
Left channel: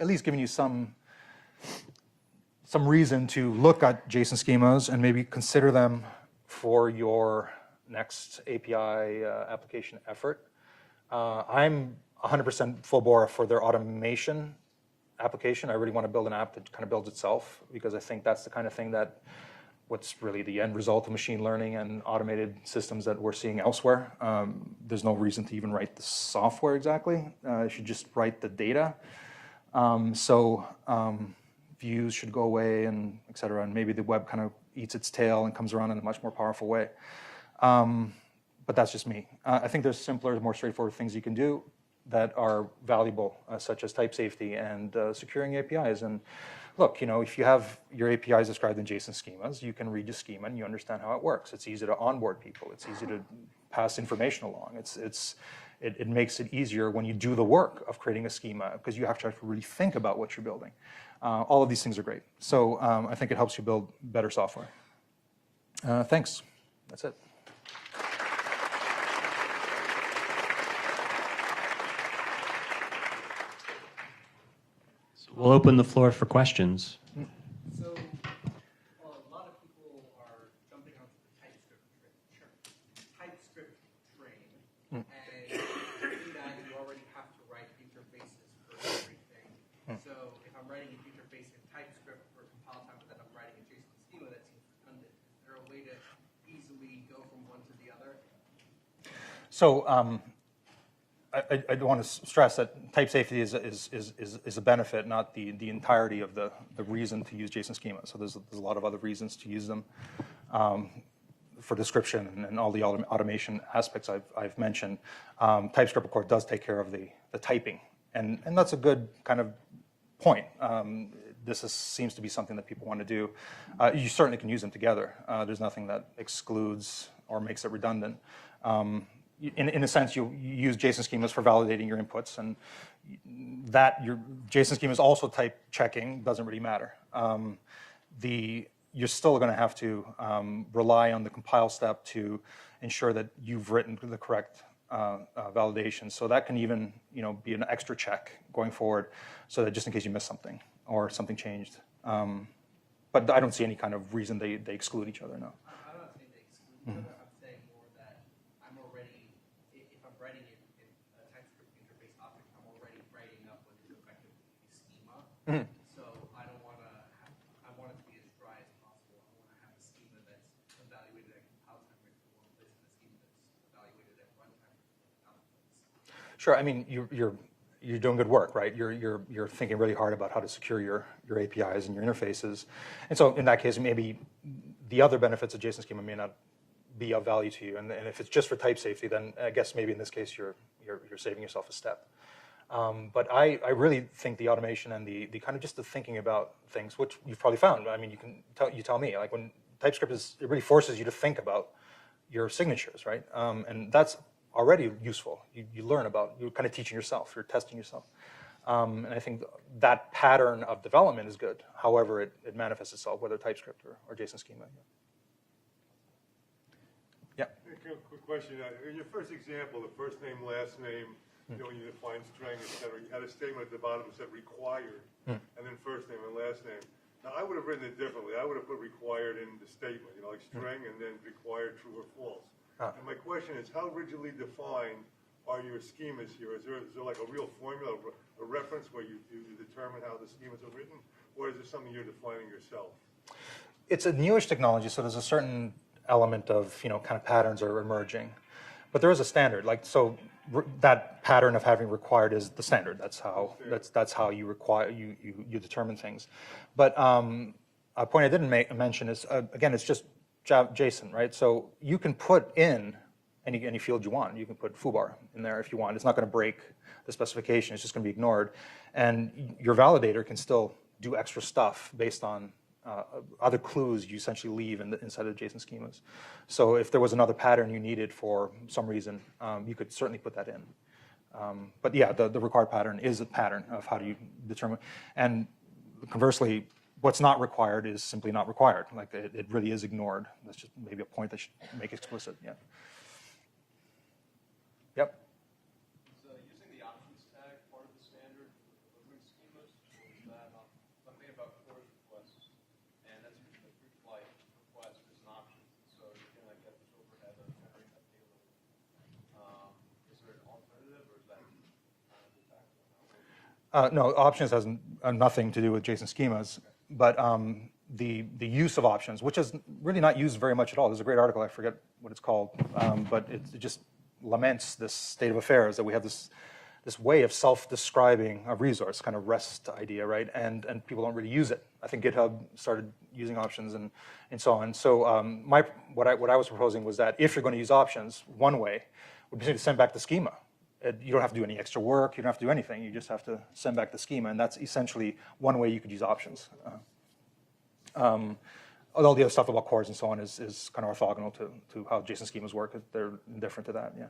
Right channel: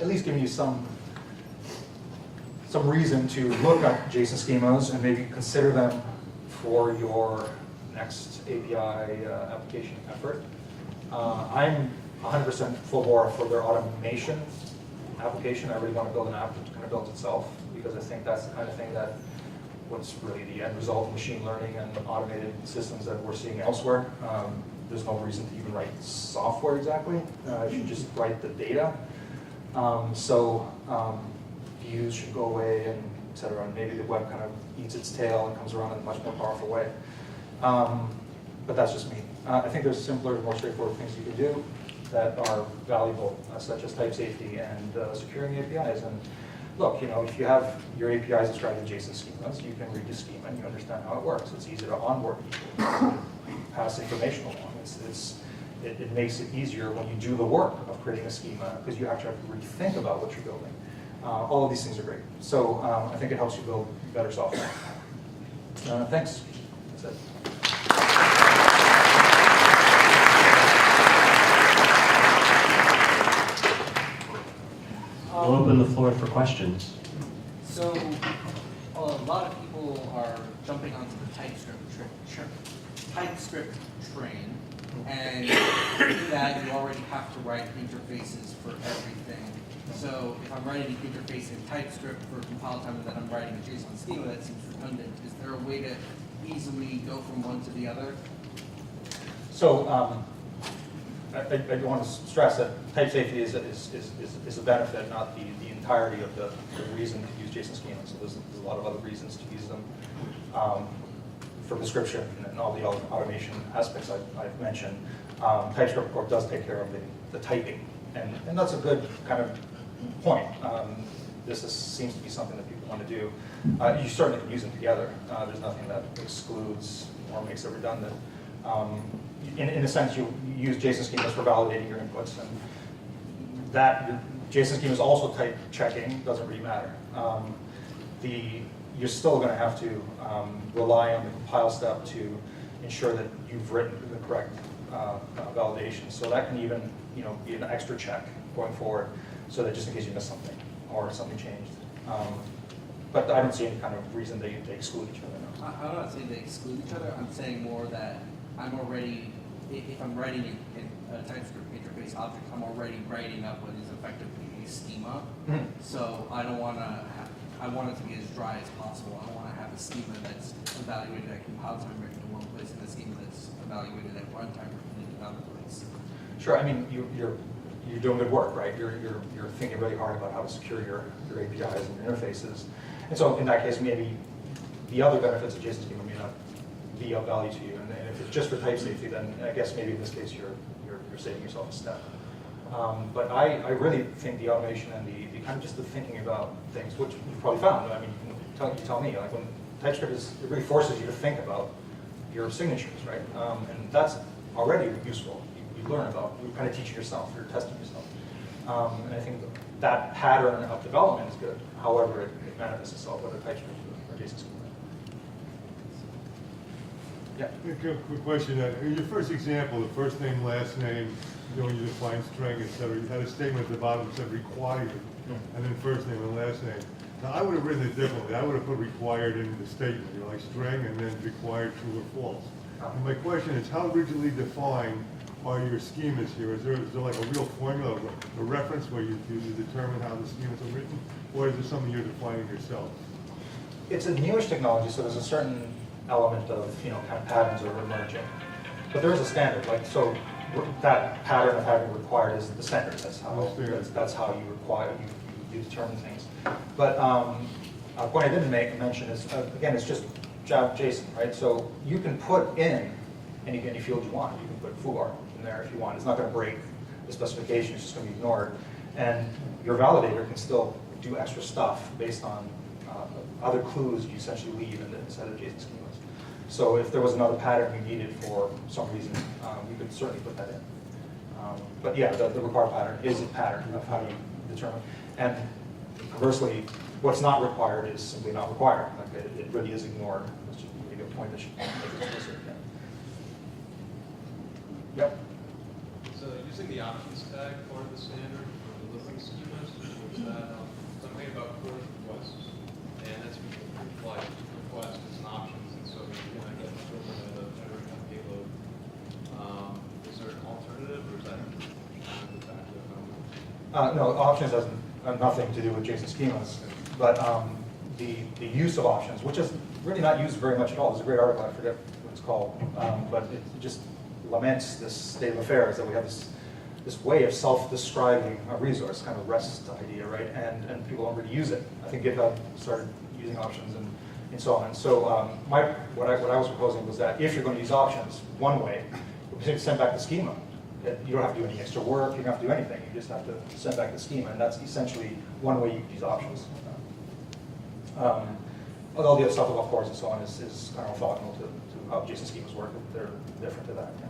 at least given you some reason to look at JSON schemas and maybe consider them for your next API application effort. I'm 100% full bore for their automation application. I really want to build an app that kind of builds itself because I think that's the kind of thing that what's really the end result of machine learning and automated systems that we're seeing elsewhere. There's no reason to even write the software exactly. You should just write the data. Views should go away and et cetera, and maybe the web kind of eats its tail and comes around in a much more powerful way. But that's just me. I think there's simpler, more straightforward things you can do that are valuable, such as type safety and securing APIs. And look, if you have your APIs described in JSON schemas, you can read the schema and you understand how it works. It's easy to onboard people. It's easy to pass information along. It makes it easier when you do the work of creating a schema because you have to really think about what you're building. All of these things are great. So I think it helps you build better software. Thanks. That's it. We'll open the floor for questions. So a lot of people are jumping onto the TypeScript train, and to do that, you already have to write interfaces for everything. So if I'm writing an interface in TypeScript for compile time and then I'm writing a JSON schema, that seems redundant. Is there a way to easily go from one to the other? So I do want to stress that type safety is a benefit, not the entirety of the reason to use JSON schema. So there's a lot of other reasons to use them for description and all the automation aspects I've mentioned. TypeScript, of course, does take care of the typing, and that's a good kind of point. Seems to be something that people want to do. You certainly can use them together. There's nothing that excludes or makes it redundant. In a sense, you use JSON schemas for validating your inputs, and that your JSON schema is also type checking, doesn't really matter. You're still going to have to rely on the compile step to ensure that you've written the correct validation. So that can even be an extra check going forward, so that just in case you miss something or something changed. But I don't see any kind of reason they exclude each other. No. I'm not saying they exclude each other. I'm saying more that I'm already, if I'm writing a TypeScript interface object, I'm already writing up what is effectively a schema. Mm-hmm. So I don't want to. I want it to be as dry as possible. I don't want to have a schema that's evaluated at compile time written in one place and a schema that's evaluated at runtime written in another place. Sure. I mean, you're doing good work, right? You're thinking really hard about how to secure your APIs and your interfaces. And so in that case, maybe the other benefits of JSON schema may not be of value to you. And if it's just for type safety, then I guess maybe in this case you're saving yourself a step. But I really think the automation and the kind of just the thinking about things, which you've probably found. I mean, you tell me, like when TypeScript it really forces you to think about your signatures, right? And that's already useful. You learn about, you're kind of teaching yourself, you're testing yourself. And I think that pattern of development is good. However, it manifests itself, whether TypeScript or JSON schema. Yeah. Quick question. In your first example, the first name, last name, when you define string, etc., you had a statement at the bottom that said required, and then first name and last name. Now, I would have written it differently. I would have put required in the statement, like string, and then required true or false. And my question is, how rigidly defined are your schemas here? Is there like a real formula, a reference where you determine how the schemas are written, or is it something you're defining yourself? It's a newish technology, so there's a certain element of kind of patterns are emerging, but there is a standard. Like so, that pattern of having required is the standard. That's how you require you determine things. But a point I didn't mention is again, it's just JSON, right? So you can put in any field you want. You can put foobar in there if you want. It's not going to break the specification. It's just going to be ignored, and your validator can still do extra stuff based on other clues you essentially leave inside of JSON schemas. So if there was another pattern you needed for some reason, you could certainly put that in. But yeah, the required pattern is a pattern of how you determine. And conversely, what's not required is simply not required. Like it really is ignored. That's just maybe a point that should make it explicit. Yeah. Yep. So using the options tag part of the standard for delivering schemas, was that something about push requests, and that's like request as an options, and so you're going to get children to generate that payload. Is there an alternative, or is that kind of the back to the No, options has nothing to do with JSON schemas, but the use of options, which is really not used very much at all. There's a great article, I forget what it's called, but it just laments this state of affairs that we have this way of self-describing a resource, kind of REST idea, right? And people don't really use it. I think GitHub started using options and so on. So what I was proposing was that if you're going to use options, one way would be to send back the schema. You don't have to do any extra work. You don't have to do anything. You just have to send back the schema, and that's essentially one way you could use options. All the other stuff about cores and so on is kind of orthogonal to how JSON schemas work. They're different to that. Yeah.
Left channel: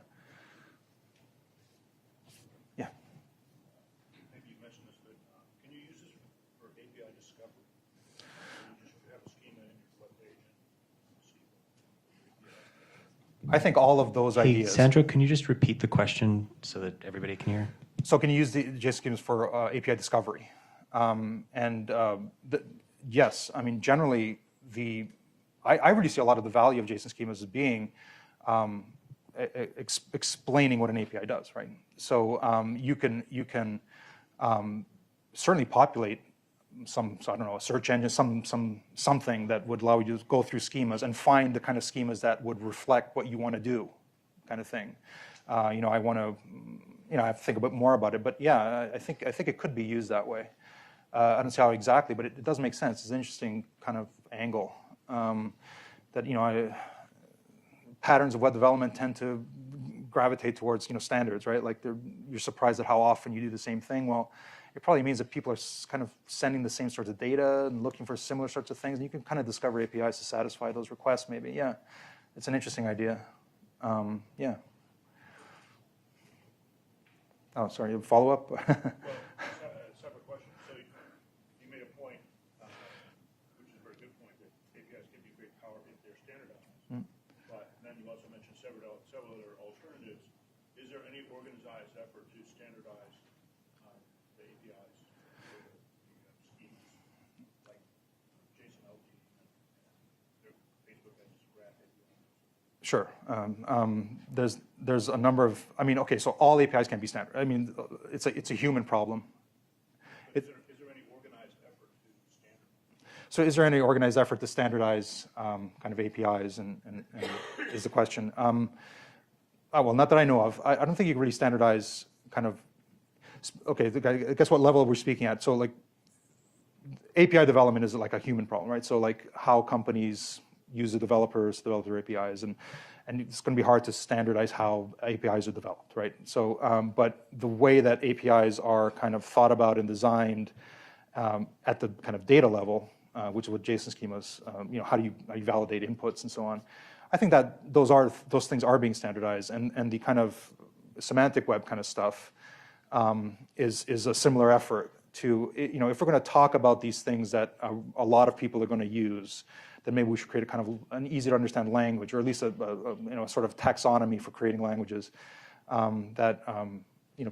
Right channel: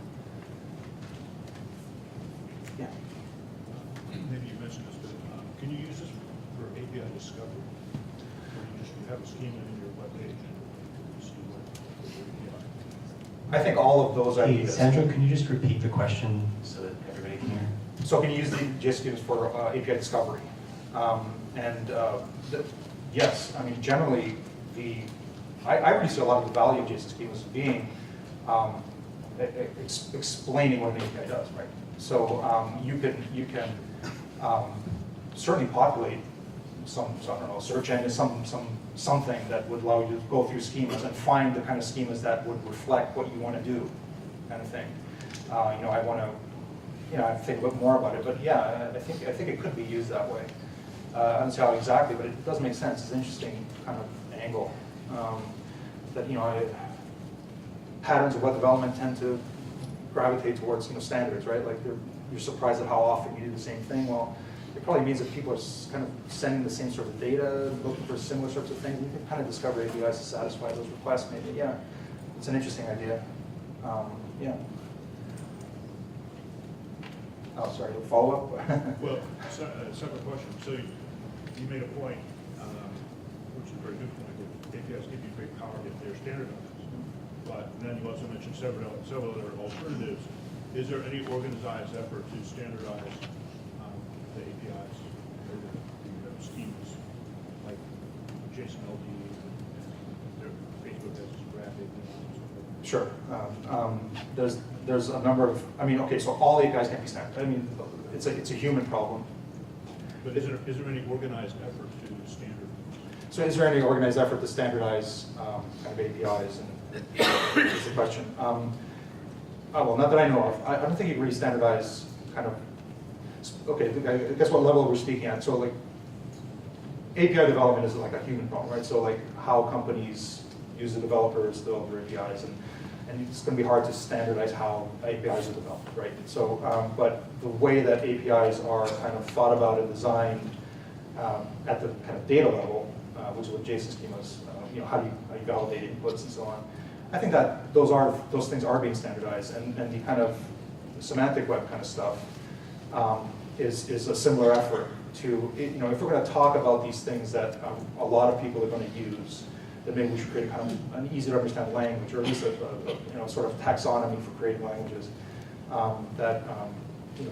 Maybe you mentioned this, but can you use this for API discovery? Or you just have a schema in your web page and see what API? I think all of those Hey, ideas. Sandro, can you just repeat the question so that everybody can hear? So can you use the JSON schemas for API discovery? Yes, I mean generally I really see a lot of the value of JSON schemas as being explaining what an API does, right? So you can certainly populate I don't know, a search engine, something that would allow you to go through schemas and find the kind of schemas that would reflect what you want to do, kind of thing. I want to, I have to think a bit more about it, but yeah, I think it could be used that way. I don't see how exactly, but it does make sense. It's an interesting kind of angle that patterns of web development tend to gravitate towards standards, right? Like you're surprised at how often you do the same thing. Well, it probably means that people are kind of sending the same sorts of data and looking for similar sorts of things. And you can kind of discover APIs to satisfy those requests. Maybe, yeah, it's an interesting idea. Yeah. Oh, sorry, follow-up? Well, separate question. So you made a point, which is a very good point, that APIs give you great power if they're standardized. But then you also mentioned several other alternatives. Is there any organized effort to standardize the APIs or the schemas, like JSON LD, and Facebook has this graphic? Sure. There's a number of, I mean, okay, so all APIs can't be standard. I mean, it's a human problem. But is there any organized effort to standardize? So is there any organized effort to standardize kind of APIs, and is the question. Well, not that I know of. I don't think you can really standardize kind of, okay, I guess what level we're speaking at. So like API development is like a human problem, right? So like how companies use the developers to develop their APIs, and it's going to be hard to standardize how APIs are developed, right? So, but the way that APIs are kind of thought about and designed at the kind of data level, which is what JSON schemas, how do you validate inputs and so on. I think that those things are being standardized, and the kind of semantic web kind of stuff is a similar effort to, if we're going to talk about these things that a lot of people are going to use, then maybe we should create a kind of an easy to understand language, or at least a sort of taxonomy for creating languages that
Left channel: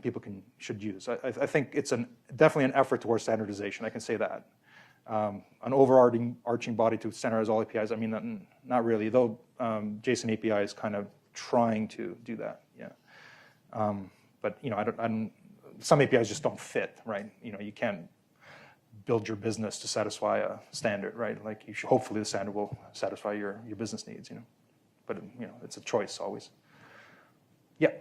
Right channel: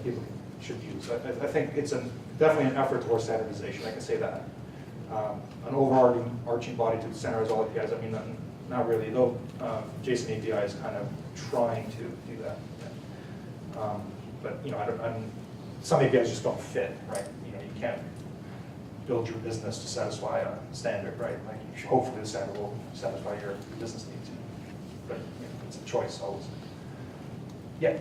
people should use. I think it's definitely an effort towards standardization. I can say that. An overarching body to standardize all APIs. I mean, not really. Though JSON API is kind of trying to do that. Yeah. But some APIs just don't fit, right? You can't build your business to satisfy a standard, right? Like hopefully the standard will satisfy your business needs. But it's a choice always. Yeah.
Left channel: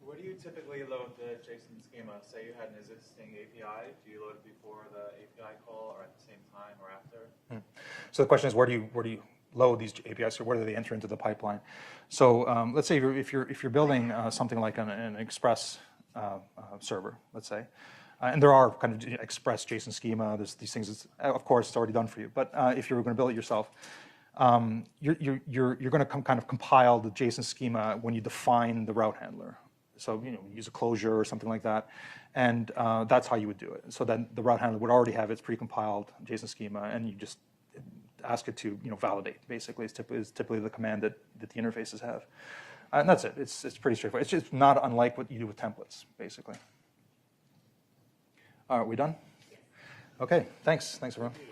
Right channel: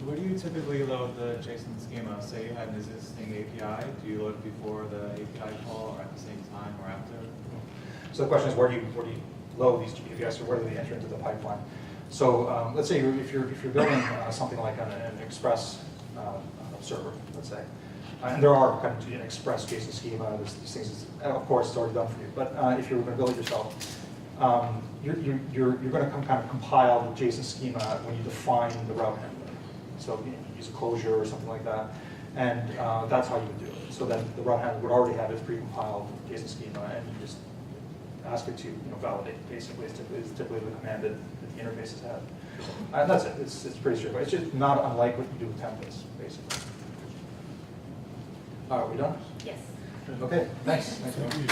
So where do you typically load the JSON schema? Say you have an existing API, do you load it before the API call, or at the same time, or after? So the question is, where do you load these APIs, or where do they enter into the pipeline? So let's say if you're building something like an Express server, let's say, and there are kind of Express JSON schema. There's these things. Of course, it's already done for you. But if you're going to build it yourself, you're going to kind of compile the JSON schema when you define the route handler. So use a closure or something like that, and that's how you would do it. So then the route handler would already have its precompiled JSON schema, and you just ask it to validate. Basically, it's typically the command that the interfaces have, and that's it. It's pretty straightforward. It's just not unlike what you do with templates, basically. All right, we done? Yes. Okay, thanks. Thanks, everyone.